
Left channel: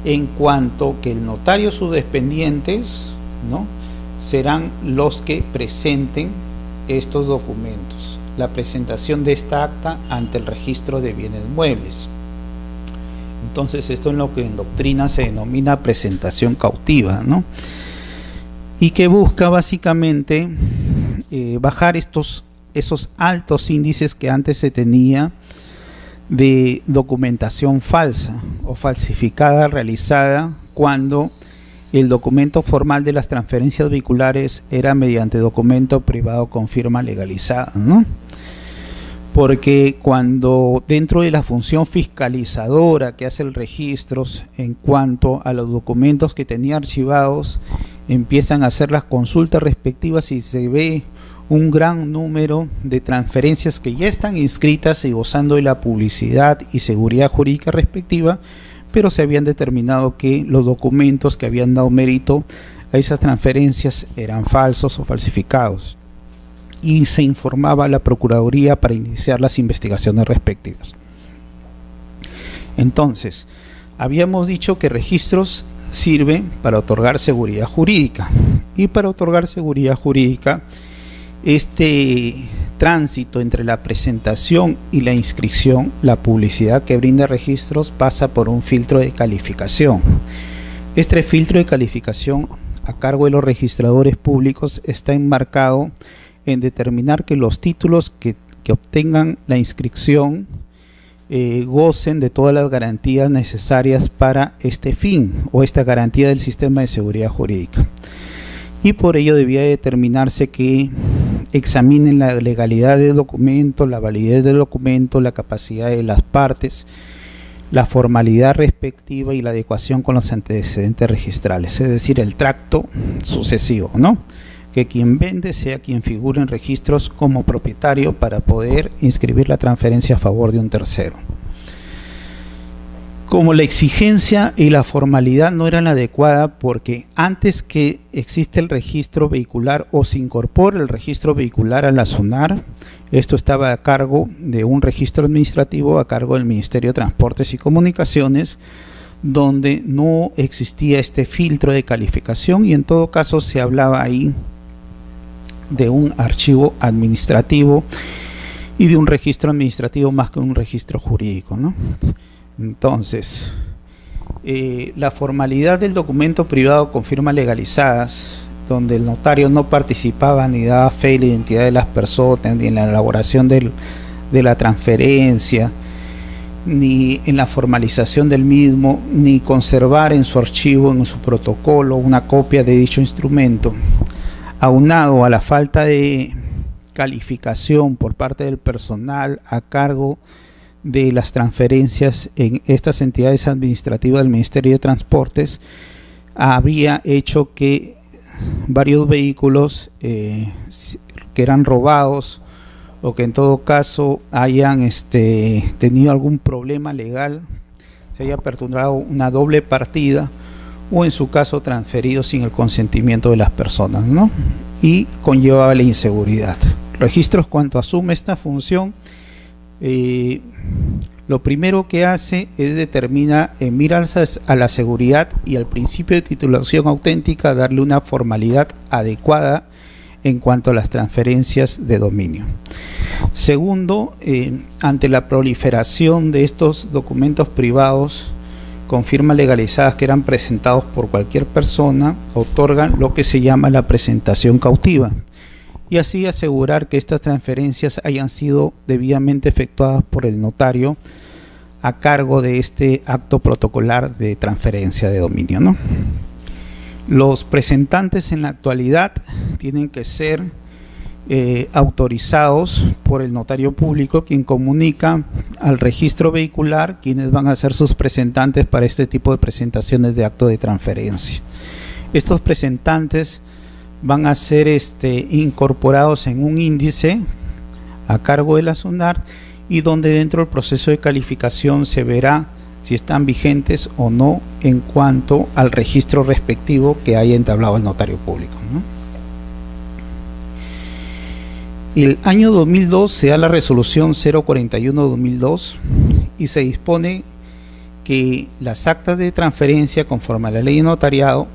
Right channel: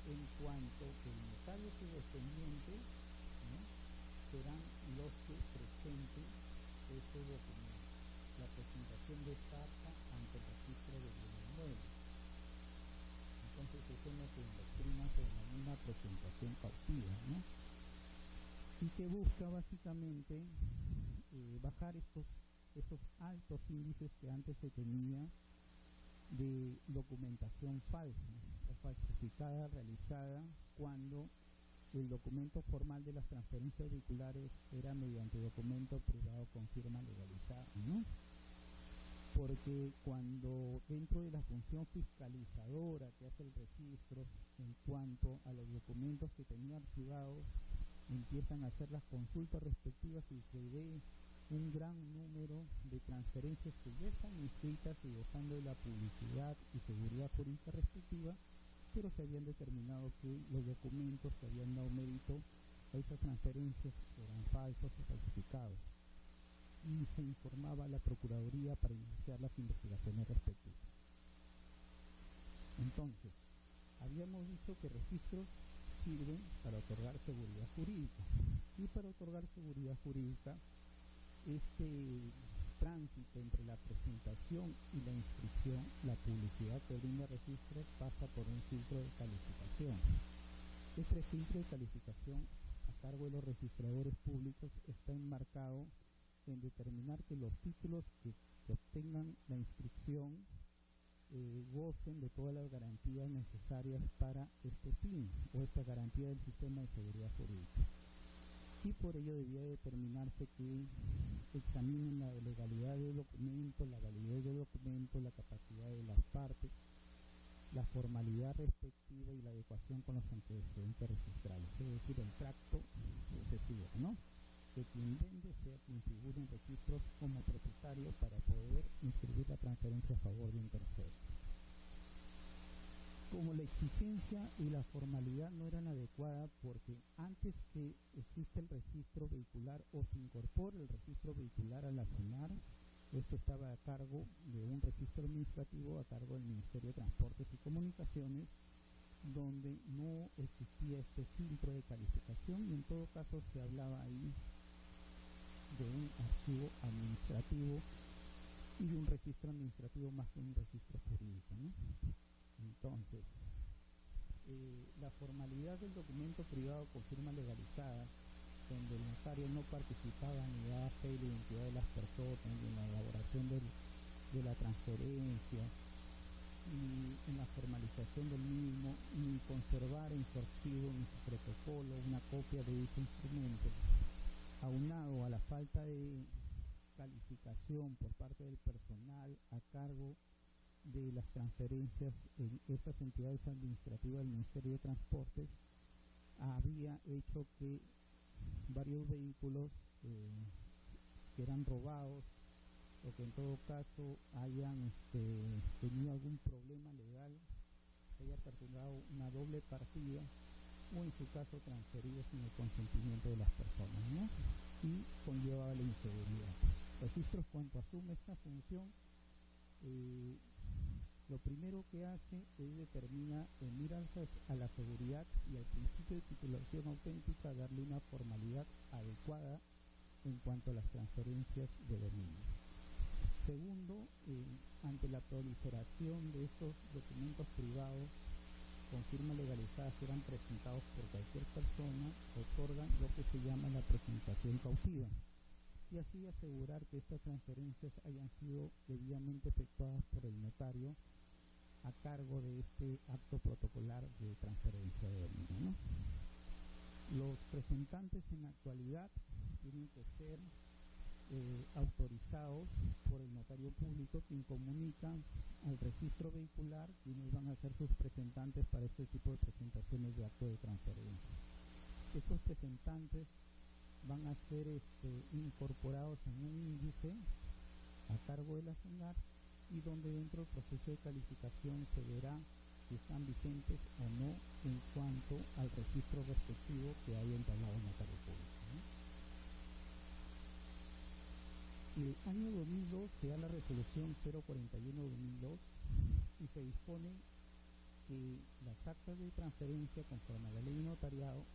en cuanto que el notario y sus dependientes, ¿no?, serán los que presenten estos documentos, la presentación de esta acta ante el registro de bienes muebles. Entonces esto es lo que en doctrina se denomina presentación cautiva, ¿no?, y que busca básicamente bajar esos altos índices que antes se tenía de documentación falsa o falsificada realizada cuando el documento formal de las transferencias vehiculares era mediante documento privado con firma legalizada, ¿no? Porque cuando dentro de la función fiscalizadora que hace el registro en cuanto a los documentos que tenía archivados, empiezan a hacer las consultas respectivas y se ve un gran número de transferencias que ya están inscritas y gozando de la publicidad y seguridad jurídica respectiva, pero se habían determinado que los documentos que habían dado mérito a esas transferencias eran falsos o falsificados, y se informaba a la Procuraduría para iniciar las investigaciones respectivas. Entonces, habíamos dicho que registros sirven para otorgar seguridad jurídica, y para otorgar seguridad jurídica, este tránsito entre la presentación y la inscripción, la publicidad que brinda registros pasa por un filtro de calificación. Este filtro de calificación a cargo de los registradores públicos está enmarcado en determinar que los títulos que obtengan la inscripción gocen de todas las garantías necesarias para este fin o esta garantía del sistema de seguridad jurídica. Y por ello debía determinarse que examinen la legalidad del documento, la validez del documento, la capacidad de las partes, la formalidad respectiva y la adecuación con los antecedentes registrales, es decir, el tracto sucesivo, ¿no?, que quien vende sea quien figure en registros como propietario para poder inscribir la transferencia a favor de un tercero. Como la exigencia y la formalidad no eran adecuadas, porque antes que existe el registro vehicular o se incorpore el registro vehicular a la SUNAR, esto estaba a cargo de un registro administrativo a cargo del Ministerio de Transportes y Comunicaciones, donde no existía este filtro de calificación y en todo caso se hablaba ahí de un archivo administrativo y de un registro administrativo más que un registro jurídico, ¿no? Entonces, la formalidad del documento privado con firmas legalizadas, donde el notario no participaba ni daba fe de la identidad de las personas, ni en la elaboración de la transferencia, ni en la formalización del mismo, ni conservar en su archivo, en su protocolo, una copia de dicho instrumento, aunado a la falta de calificación por parte del personal a cargo de las transferencias en estas entidades administrativas del Ministerio de Transportes, habría hecho que varios vehículos que eran robados o que en todo caso hayan tenido algún problema legal, se haya aperturado una doble partida o en su caso transferido sin el consentimiento de las personas, ¿no? Y conllevaba la inseguridad. Registros, cuando asume esta función, lo primero que hace es determinar mirar a la seguridad y al principio de titulación auténtica, darle una formalidad adecuada en cuanto a las transferencias de dominio. Segundo, ante la proliferación de estos documentos privados con firmas legalizadas que eran presentados por cualquier persona, otorgan lo que se llama la presentación cautiva, y así asegurar que estas transferencias hayan sido debidamente efectuadas por el notario a cargo de este acto protocolar de transferencia de dominio, ¿no? Los presentantes en la actualidad tienen que ser autorizados por el notario público, quien comunica al registro vehicular quienes van a ser sus presentantes para este tipo de presentaciones de acto de transferencia. Estos presentantes van a ser incorporados en un índice a cargo de la SUNAR y donde dentro del proceso de calificación se verá si están vigentes o no en cuanto al registro respectivo que haya entablado el notario público, ¿no? El año 2002 se da la resolución 041-2002 y se dispone que las actas de transferencia conforme a la ley de notariado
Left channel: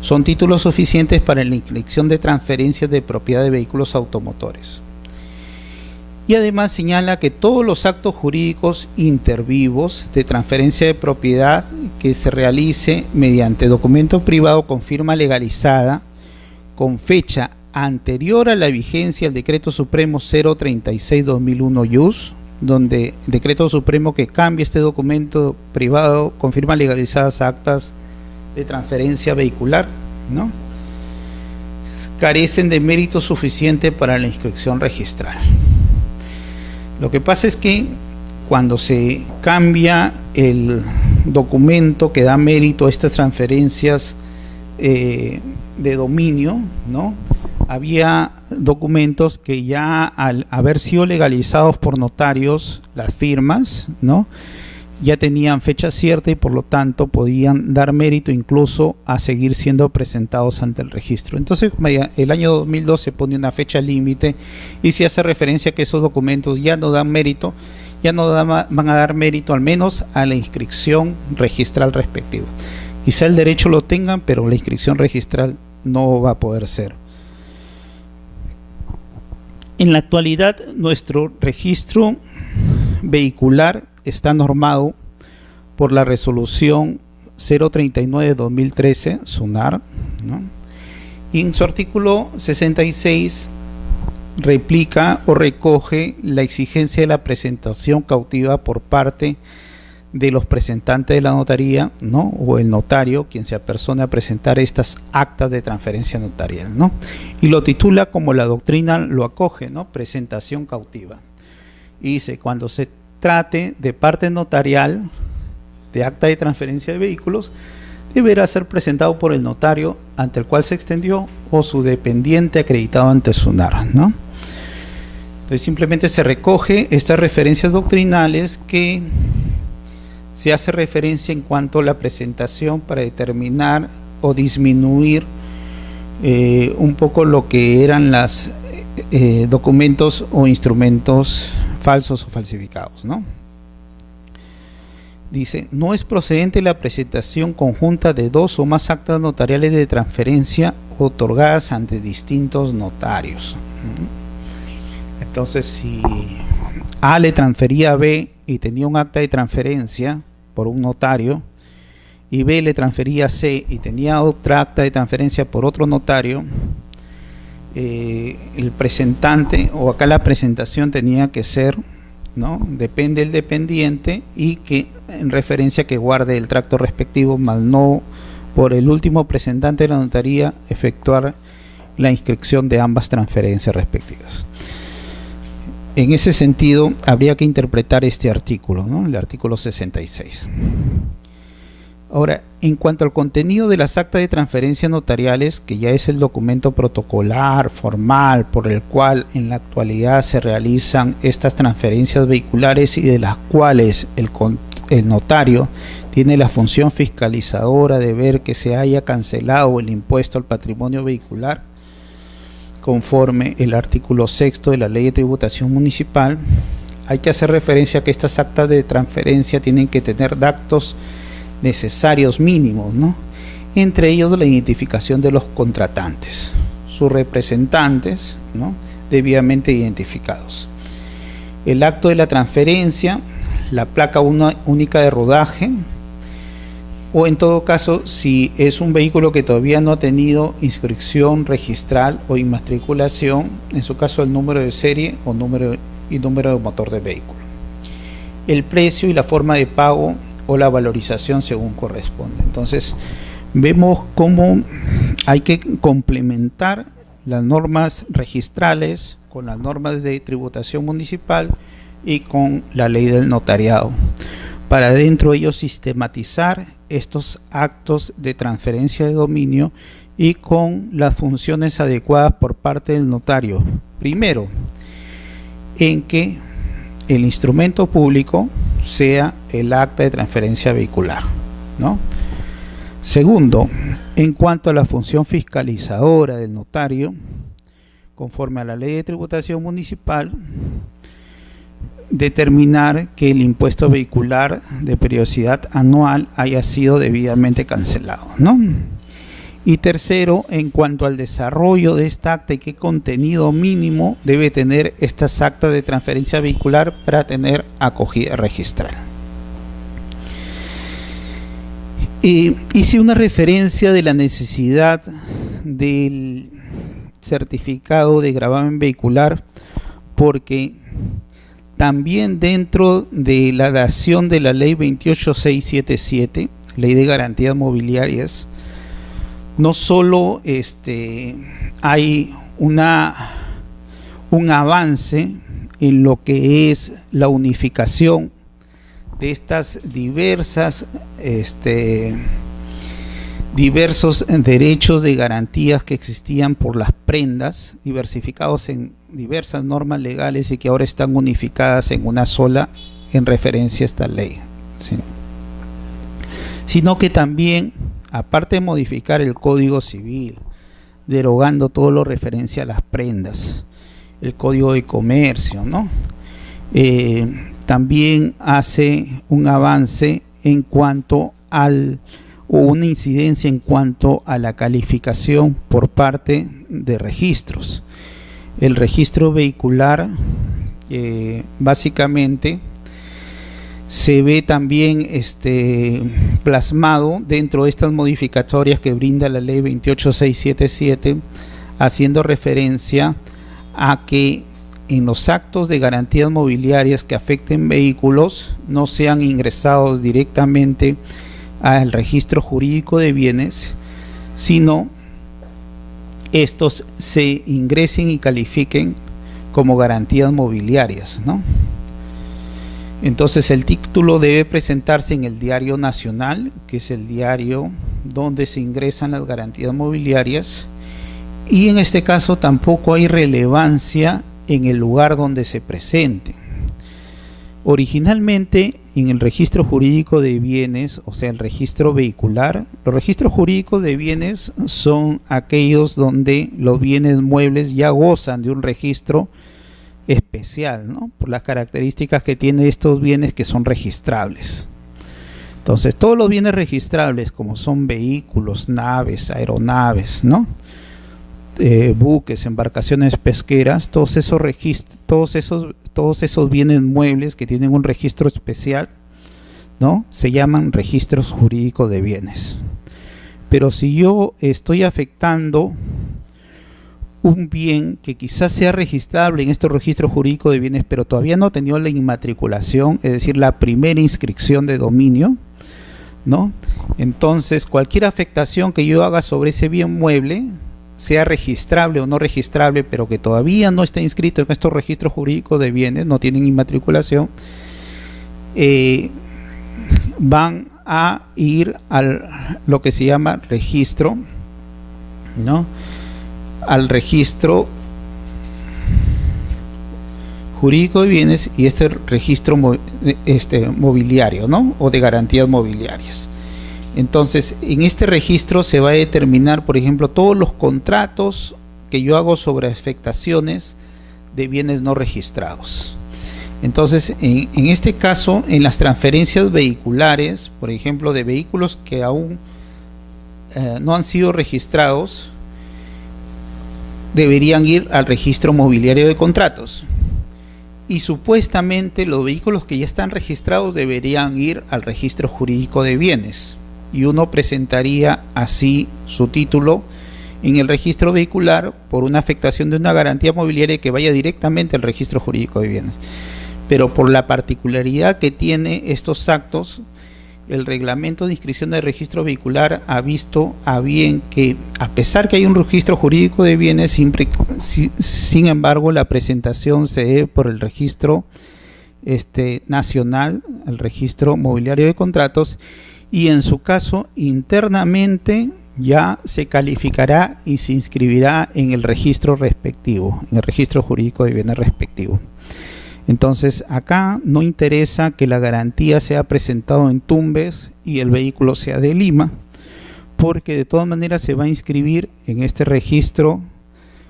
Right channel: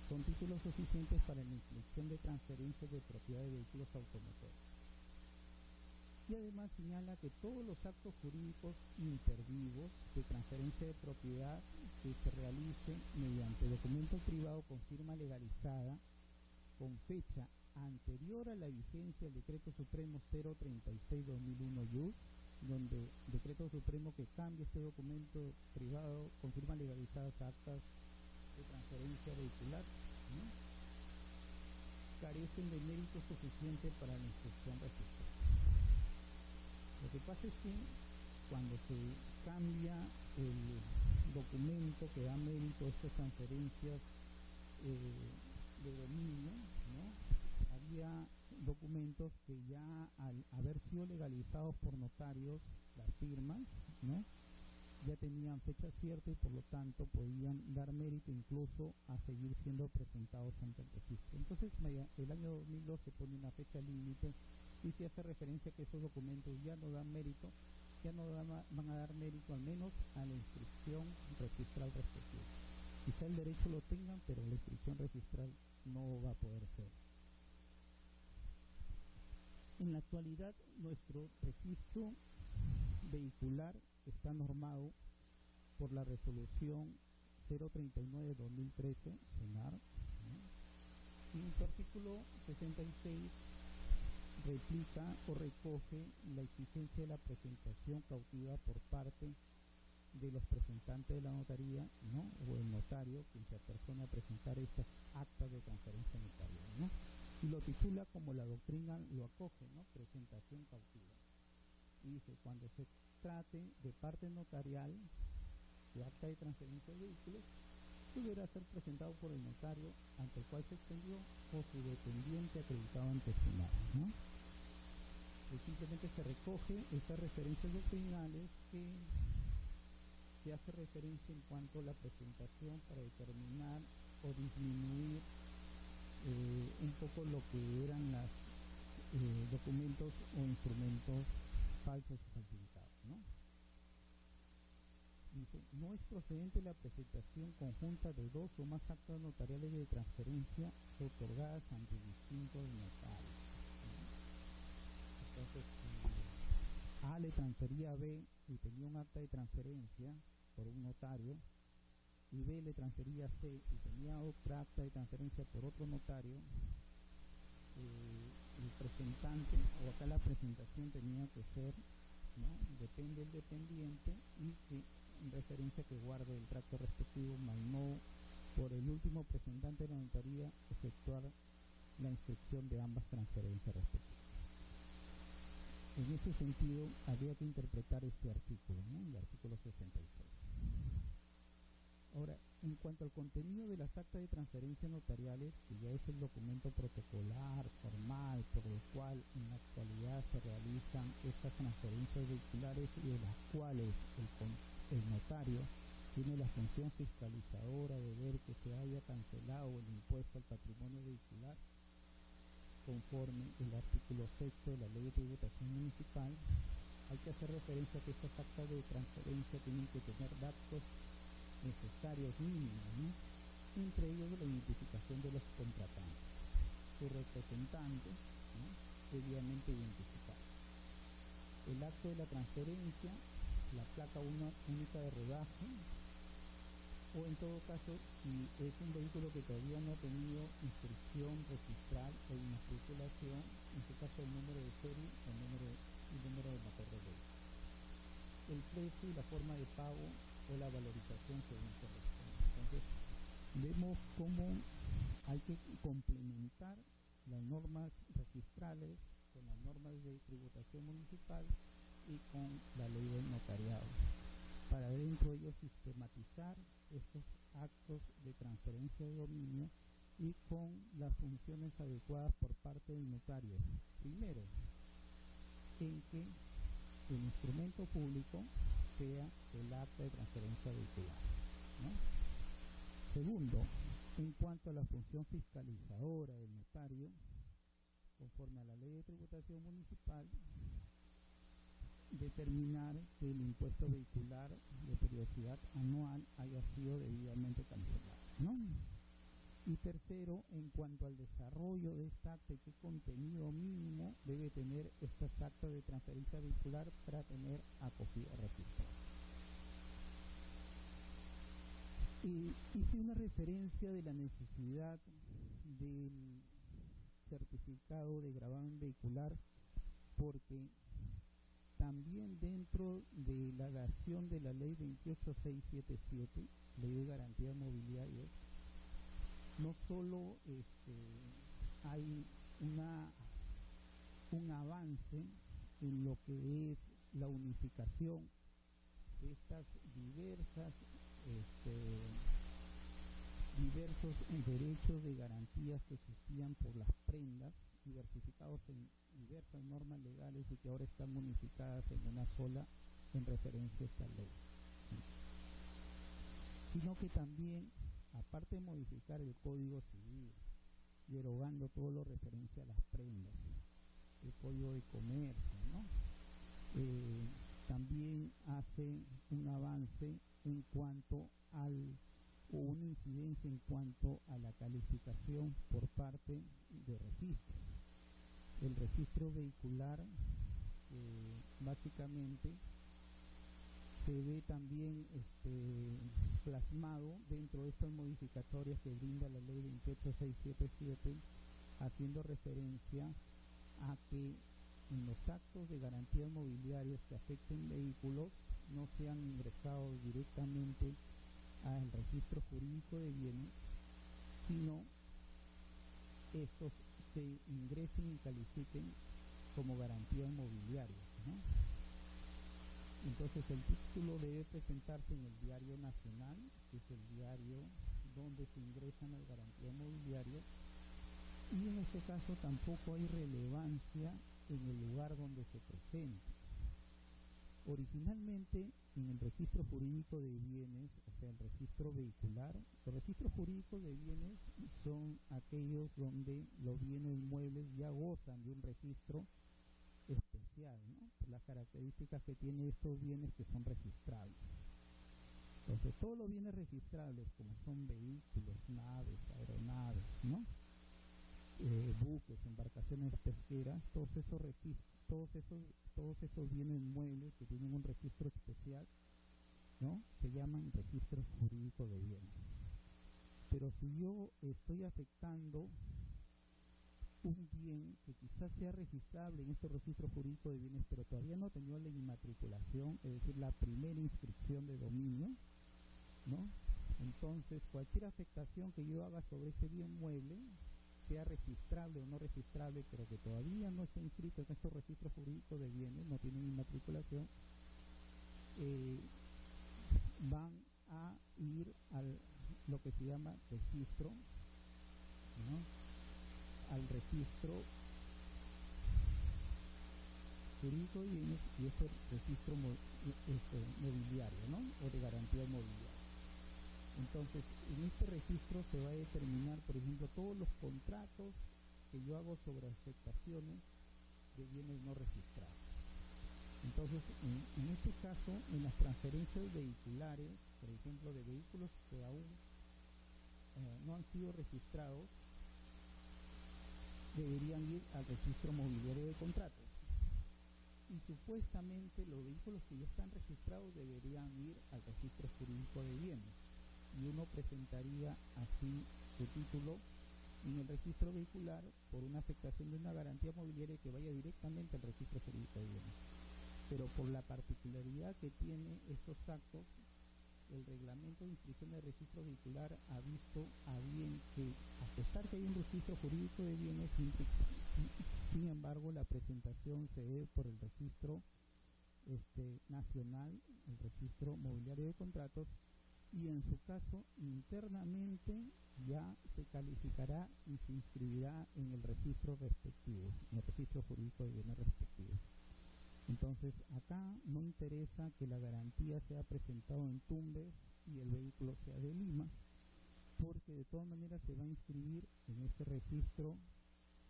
son títulos suficientes para la inscripción de transferencias de propiedad de vehículos automotores. Y además señala que todos los actos jurídicos intervivos de transferencia de propiedad que se realice mediante documento privado con firma legalizada con fecha anterior a la vigencia del Decreto Supremo 036-2001 IUS, donde Decreto Supremo que cambia este documento privado con firma legalizadas a actas de transferencia vehicular, ¿no?, carecen de mérito suficiente para la inscripción registral. Lo que pasa es que cuando se cambia el documento que da mérito a estas transferencias de dominio, ¿no?, había documentos que ya al haber sido legalizados por notarios, las firmas, ¿no?, ya tenían fecha cierta y por lo tanto podían dar mérito incluso a seguir siendo presentados ante el registro. Entonces el año 2002 se pone una fecha límite y se hace referencia a que esos documentos ya no dan mérito, van a dar mérito al menos a la inscripción registral respectiva. Quizá el derecho lo tengan, pero la inscripción registral no va a poder ser. En la actualidad nuestro registro vehicular está normado por la resolución 039-2013 SUNAR, ¿no?, y en su artículo 66 replica o recoge la exigencia de la presentación cautiva por parte de los presentantes de la notaría, ¿no?, o el notario, quien se apersone a presentar estas actas de transferencia notarial, ¿no?, y lo titula como la doctrina lo acoge, ¿no?, presentación cautiva. Y dice, cuando se trate de parte notarial de acta de transferencia de vehículos, deberá ser presentado por el notario ante el cual se extendió o su dependiente acreditado ante SUNAR, ¿no? Entonces simplemente se recoge estas referencias doctrinales que se hace referencia en cuanto a la presentación para determinar o disminuir un poco lo que eran los documentos o instrumentos falsos o falsificados, ¿no? Dice, no es procedente la presentación conjunta de dos o más actas notariales de transferencia otorgadas ante distintos notarios. Entonces, si A le transfería a B y tenía un acta de transferencia por un notario, y B le transfería a C y tenía otra acta de transferencia por otro notario, el presentante, o acá la presentación tenía que ser, ¿no?, depende del dependiente, y que en referencia que guarde el tracto respectivo, más no por el último presentante de la notaría efectuar la inscripción de ambas transferencias respectivas. En ese sentido habría que interpretar este artículo, ¿no?, el artículo 66. Ahora, en cuanto al contenido de las actas de transferencia notariales, que ya es el documento protocolar, formal, por el cual en la actualidad se realizan estas transferencias vehiculares y de las cuales el notario tiene la función fiscalizadora de ver que se haya cancelado el impuesto al patrimonio vehicular, conforme el artículo 6º de la Ley de Tributación Municipal, hay que hacer referencia a que estas actas de transferencia tienen que tener datos necesarios mínimos, ¿no?, entre ellos la identificación de los contratantes, sus representantes, ¿no?, debidamente identificados, el acto de la transferencia, la placa única de rodaje, o en todo caso, si es un vehículo que todavía no ha tenido inscripción registral o inmatriculación, en su caso el número de serie o número de motor de vehículo, el precio y la forma de pago o la valorización según corresponde. Entonces vemos cómo hay que complementar las normas registrales con las normas de tributación municipal y con la ley del notariado, para dentro de ellos sistematizar estos actos de transferencia de dominio y con las funciones adecuadas por parte del notario. Primero, en que el instrumento público sea el acta de transferencia vehicular, ¿no? Segundo, en cuanto a la función fiscalizadora del notario, conforme a la Ley de Tributación Municipal, determinar que el impuesto vehicular de periodicidad anual haya sido debidamente cancelado, ¿no? Y tercero, en cuanto al desarrollo de esta acta y qué contenido mínimo debe tener estas actas de transferencia vehicular para tener acogida registral. Hice una referencia de la necesidad del certificado de gravamen vehicular porque también dentro de la dación de la ley 28677, ley de garantías mobiliarias, no solo hay un avance en lo que es la unificación de estas diversos derechos de garantías que existían por las prendas, diversificados en diversas normas legales y que ahora están unificadas en una sola en referencia a esta ley, ¿sí?, sino que también, aparte de modificar el Código Civil, derogando todo lo referencia a las prendas, el Código de Comercio, ¿no?, también hace un avance en cuanto o una incidencia en cuanto a la calificación por parte de registros. El registro vehicular básicamente se ve también plasmado dentro de estas modificatorias que brinda la ley 28677, haciendo referencia a que en los actos de garantías mobiliarias que afecten vehículos no sean ingresados directamente al registro jurídico de bienes, sino estos se ingresen y califiquen como garantías mobiliarias, ¿no? Entonces el título debe presentarse en el Diario Nacional, que es el diario donde se ingresan las garantías mobiliarias, y en este caso tampoco hay relevancia en el lugar donde se presente. Originalmente, en el registro jurídico de bienes, o sea, el registro vehicular, los registros jurídicos de bienes son aquellos donde los bienes muebles ya gozan de un registro especial, ¿no? Por las características que tienen estos bienes que son registrables. Entonces, todos los bienes registrables, como son vehículos, naves, aeronaves, ¿no? Buques, embarcaciones pesqueras, todos esos bienes muebles que tienen un registro especial, ¿no? Se llaman registros jurídicos de bienes. Pero si yo estoy afectando un bien que quizás sea registrable en estos registros jurídicos de bienes, pero todavía no ha tenido la inmatriculación, es decir, la primera inscripción de dominio, ¿no? Entonces, cualquier afectación que yo haga sobre ese bien mueble, sea registrable o no registrable, pero que todavía no está inscrito en estos registros jurídicos de bienes, no tienen inmatriculación, van a ir a lo que se llama registro, ¿no? Al registro jurídico de bienes y este registro mobiliario, ¿no? O de garantías mobiliarias. Entonces, en este registro se va a determinar, por ejemplo, todos los contratos que yo hago sobre afectaciones de bienes no registrados. Entonces, en este caso, en las transferencias vehiculares, por ejemplo, de vehículos que aún no han sido registrados, deberían ir al registro mobiliario de contratos. Y supuestamente los vehículos que ya están registrados deberían ir al registro jurídico de bienes. Y uno presentaría así su título en el registro vehicular por una afectación de una garantía mobiliaria que vaya directamente al registro jurídico de bienes. Pero por la particularidad que tiene estos actos, el reglamento de inscripción del registro vehicular ha visto a bien que, a pesar que hay un registro jurídico de bienes, sin embargo la presentación se dé por el registro nacional, el registro mobiliario de contratos, y en su caso internamente ya se calificará y se inscribirá en el registro respectivo, en el registro jurídico de bienes respectivo. Entonces acá no interesa que la garantía sea presentado en Tumbes y el vehículo sea de Lima, porque de todas maneras se va a inscribir en este registro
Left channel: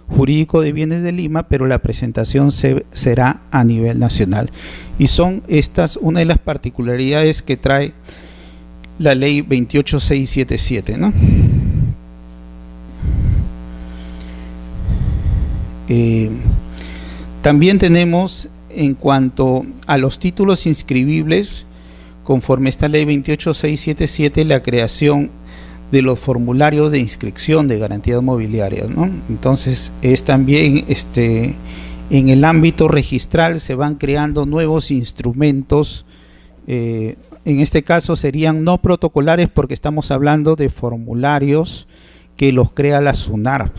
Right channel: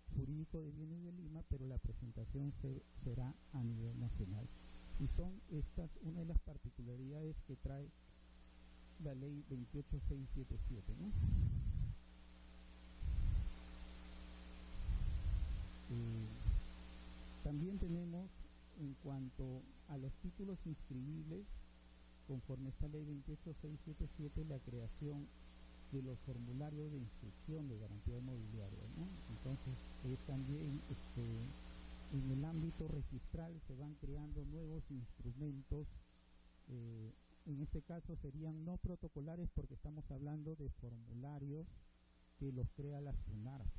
jurídico de bienes de Lima, pero la presentación será a nivel nacional. Y son estas una de las particularidades que trae la ley 28677, ¿no? También tenemos, en cuanto a los títulos inscribibles, conforme esta ley 28677, la creación de los formularios de inscripción de garantías mobiliarias, ¿no? Entonces es también en el ámbito registral se van creando nuevos instrumentos, en este caso serían no protocolares porque estamos hablando de formularios que los crea la SUNARP.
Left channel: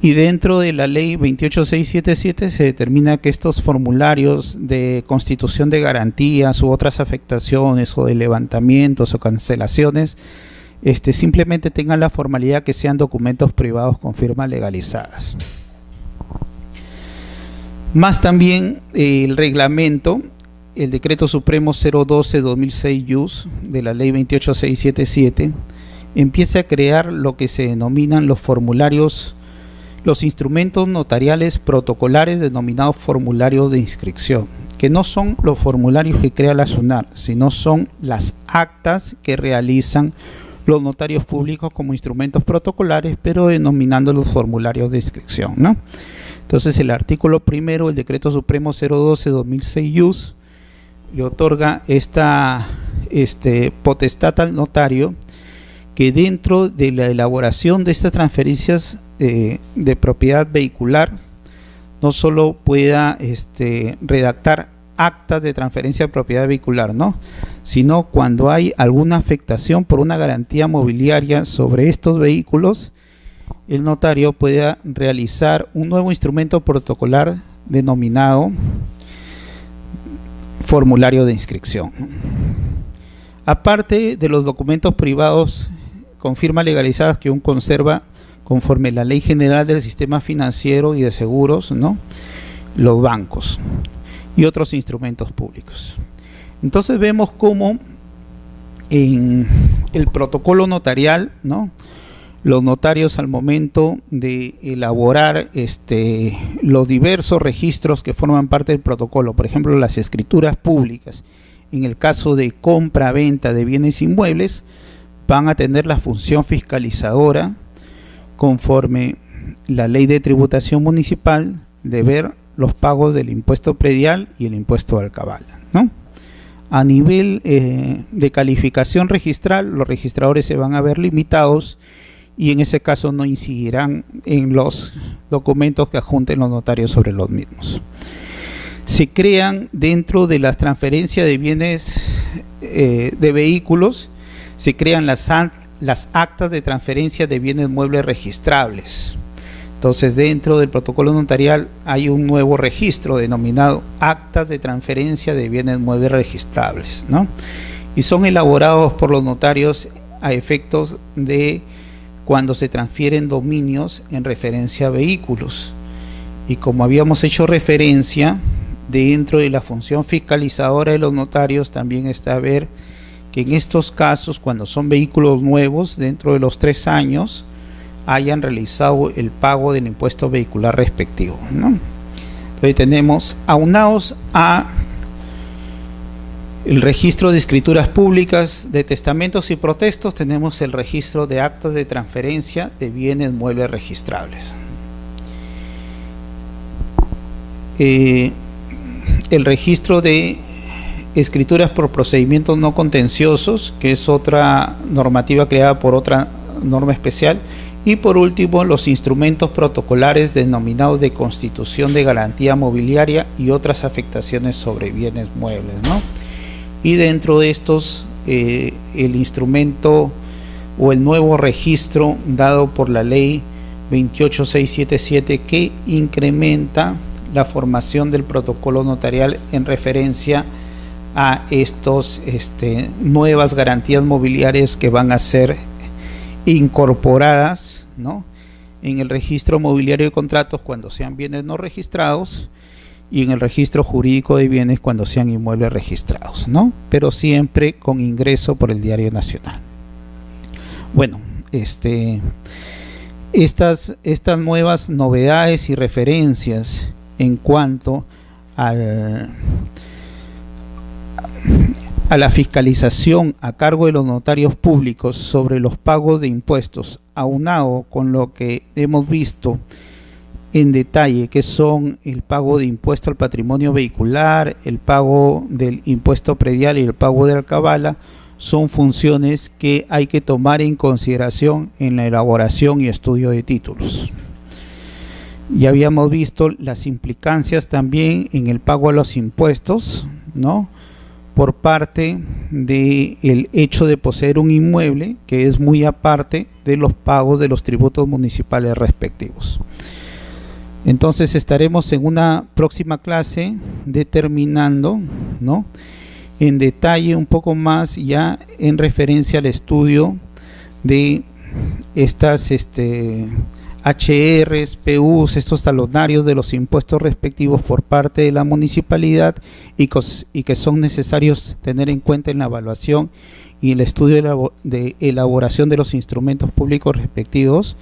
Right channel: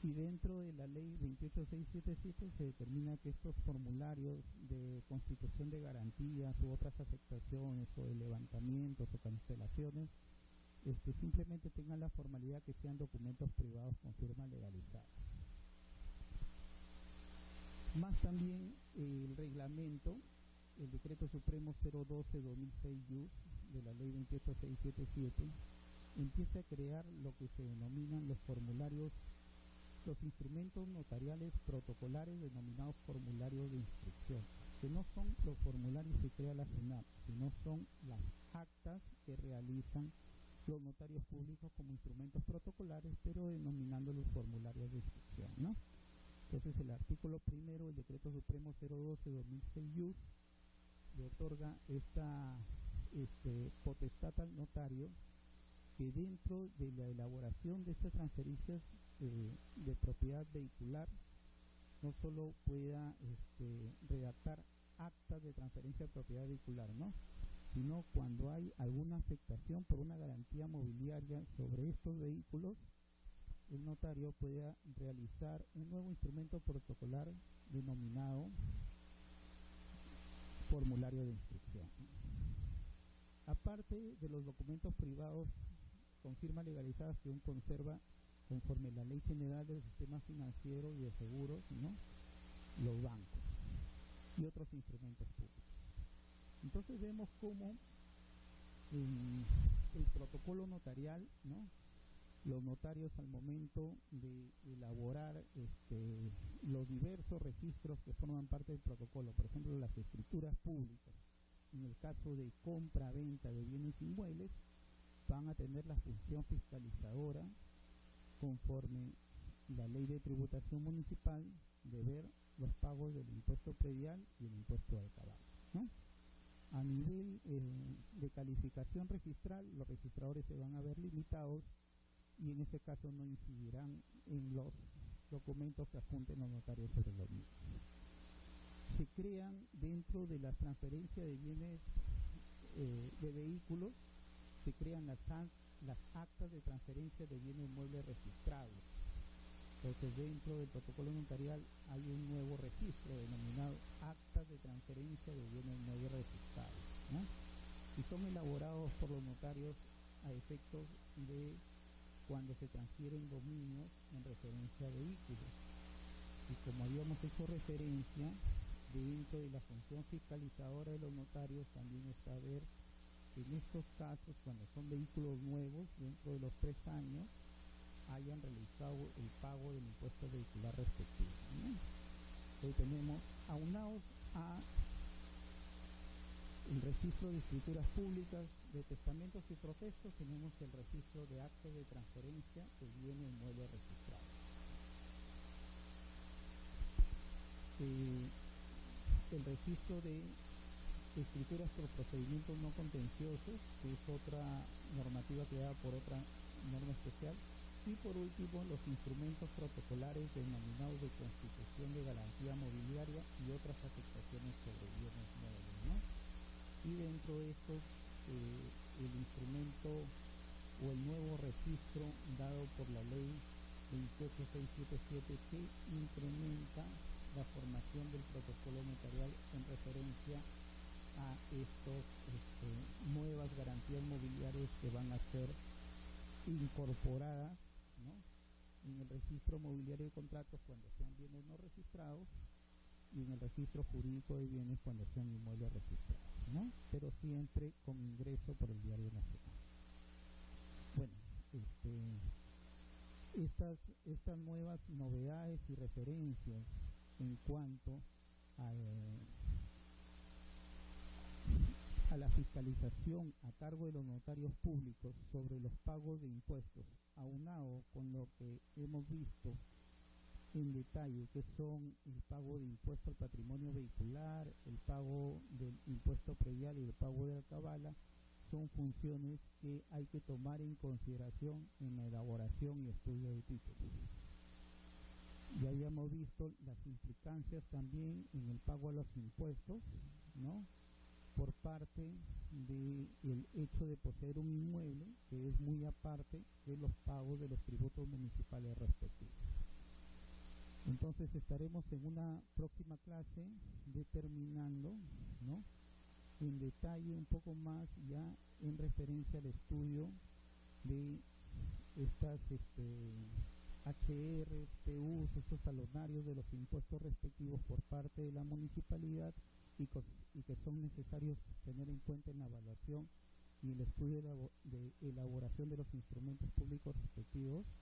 Y dentro de la ley 28677 se determina que estos formularios de constitución de garantías u otras afectaciones o de levantamientos o cancelaciones simplemente tengan la formalidad que sean documentos privados con firmas legalizadas. Más también el reglamento, el decreto supremo 012-2006 de la ley 28677 empieza a crear lo que se denominan los formularios, los instrumentos notariales protocolares denominados formularios de inscripción, que no son los formularios que crea la SUNAR, sino son las actas que realizan los notarios públicos como instrumentos protocolares, pero denominando los formularios de inscripción, ¿no? Entonces el artículo primero del decreto supremo 012-2006 le otorga esta potestad al notario, que dentro de la elaboración de estas transferencias de propiedad vehicular no solo pueda redactar actas de transferencia de propiedad vehicular, ¿no?, sino cuando hay alguna afectación por una garantía mobiliaria sobre estos vehículos, el notario puede realizar un nuevo instrumento protocolar denominado formulario de inscripción. Aparte de los documentos privados con firmas legalizadas que aún conserva conforme la Ley General del Sistema Financiero y de Seguros, ¿no?, los bancos. y otros instrumentos públicos. Entonces vemos cómo en el protocolo notarial, ¿no?, los notarios, al momento de elaborar los diversos registros que forman parte del protocolo, por ejemplo las escrituras públicas, en el caso de compra-venta de bienes inmuebles, van a tener la función fiscalizadora conforme la ley de tributación municipal de ver los pagos del impuesto predial y el impuesto de alcabala, ¿no? A nivel de calificación registral, los registradores se van a ver limitados y en ese caso no incidirán en los documentos que adjunten los notarios sobre los mismos. Se crean dentro de las transferencias de bienes de vehículos, se crean las actas de transferencia de bienes muebles registrables. Entonces, dentro del protocolo notarial hay un nuevo registro denominado actas de transferencia de bienes muebles registrables, ¿no? Y son elaborados por los notarios a efectos de cuando se transfieren dominios en referencia a vehículos. Y como habíamos hecho referencia, dentro de la función fiscalizadora de los notarios también está ver que en estos casos, cuando son vehículos nuevos, dentro de los 3 años, hayan realizado el pago del impuesto vehicular respectivo, ¿no? Entonces tenemos, aunados a el registro de escrituras públicas, de testamentos y protestos, tenemos el registro de actas de transferencia de bienes muebles registrables. El registro de escrituras por procedimientos no contenciosos, que es otra normativa creada por otra norma especial. Y por último, los instrumentos protocolares denominados de constitución de garantía mobiliaria y otras afectaciones sobre bienes muebles, ¿no? Y dentro de estos, el instrumento o el nuevo registro dado por la ley 28677, que incrementa la formación del protocolo notarial en referencia a estos nuevas garantías mobiliarias que van a ser incorporadas, ¿no?, en el registro mobiliario de contratos cuando sean bienes no registrados y en el registro jurídico de bienes cuando sean inmuebles registrados, ¿no?, pero siempre con ingreso por el Diario Nacional. Bueno, estas nuevas novedades y referencias en cuanto a la fiscalización a cargo de los notarios públicos sobre los pagos de impuestos, aunado con lo que hemos visto en detalle, que son el pago de impuesto al patrimonio vehicular, el pago del impuesto predial y el pago de alcabala, son funciones que hay que tomar en consideración en la elaboración y estudio de títulos. Ya habíamos visto las implicancias también en el pago a los impuestos, ¿no?, por parte del hecho de poseer un inmueble, que es muy aparte de los pagos de los tributos municipales respectivos. Entonces estaremos en una próxima clase determinando, ¿no?, en detalle un poco más ya en referencia al estudio de estas HRs, PUs, estos talonarios de los impuestos respectivos por parte de la municipalidad y que son necesarios tener en cuenta en la evaluación y el estudio de elaboración de los instrumentos públicos respectivos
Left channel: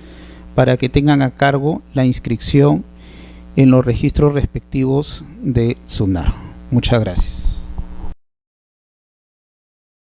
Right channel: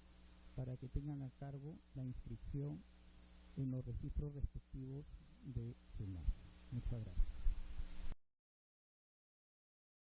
para que tengan a cargo la inscripción en los registros respectivos de SUNAR. Muchas gracias.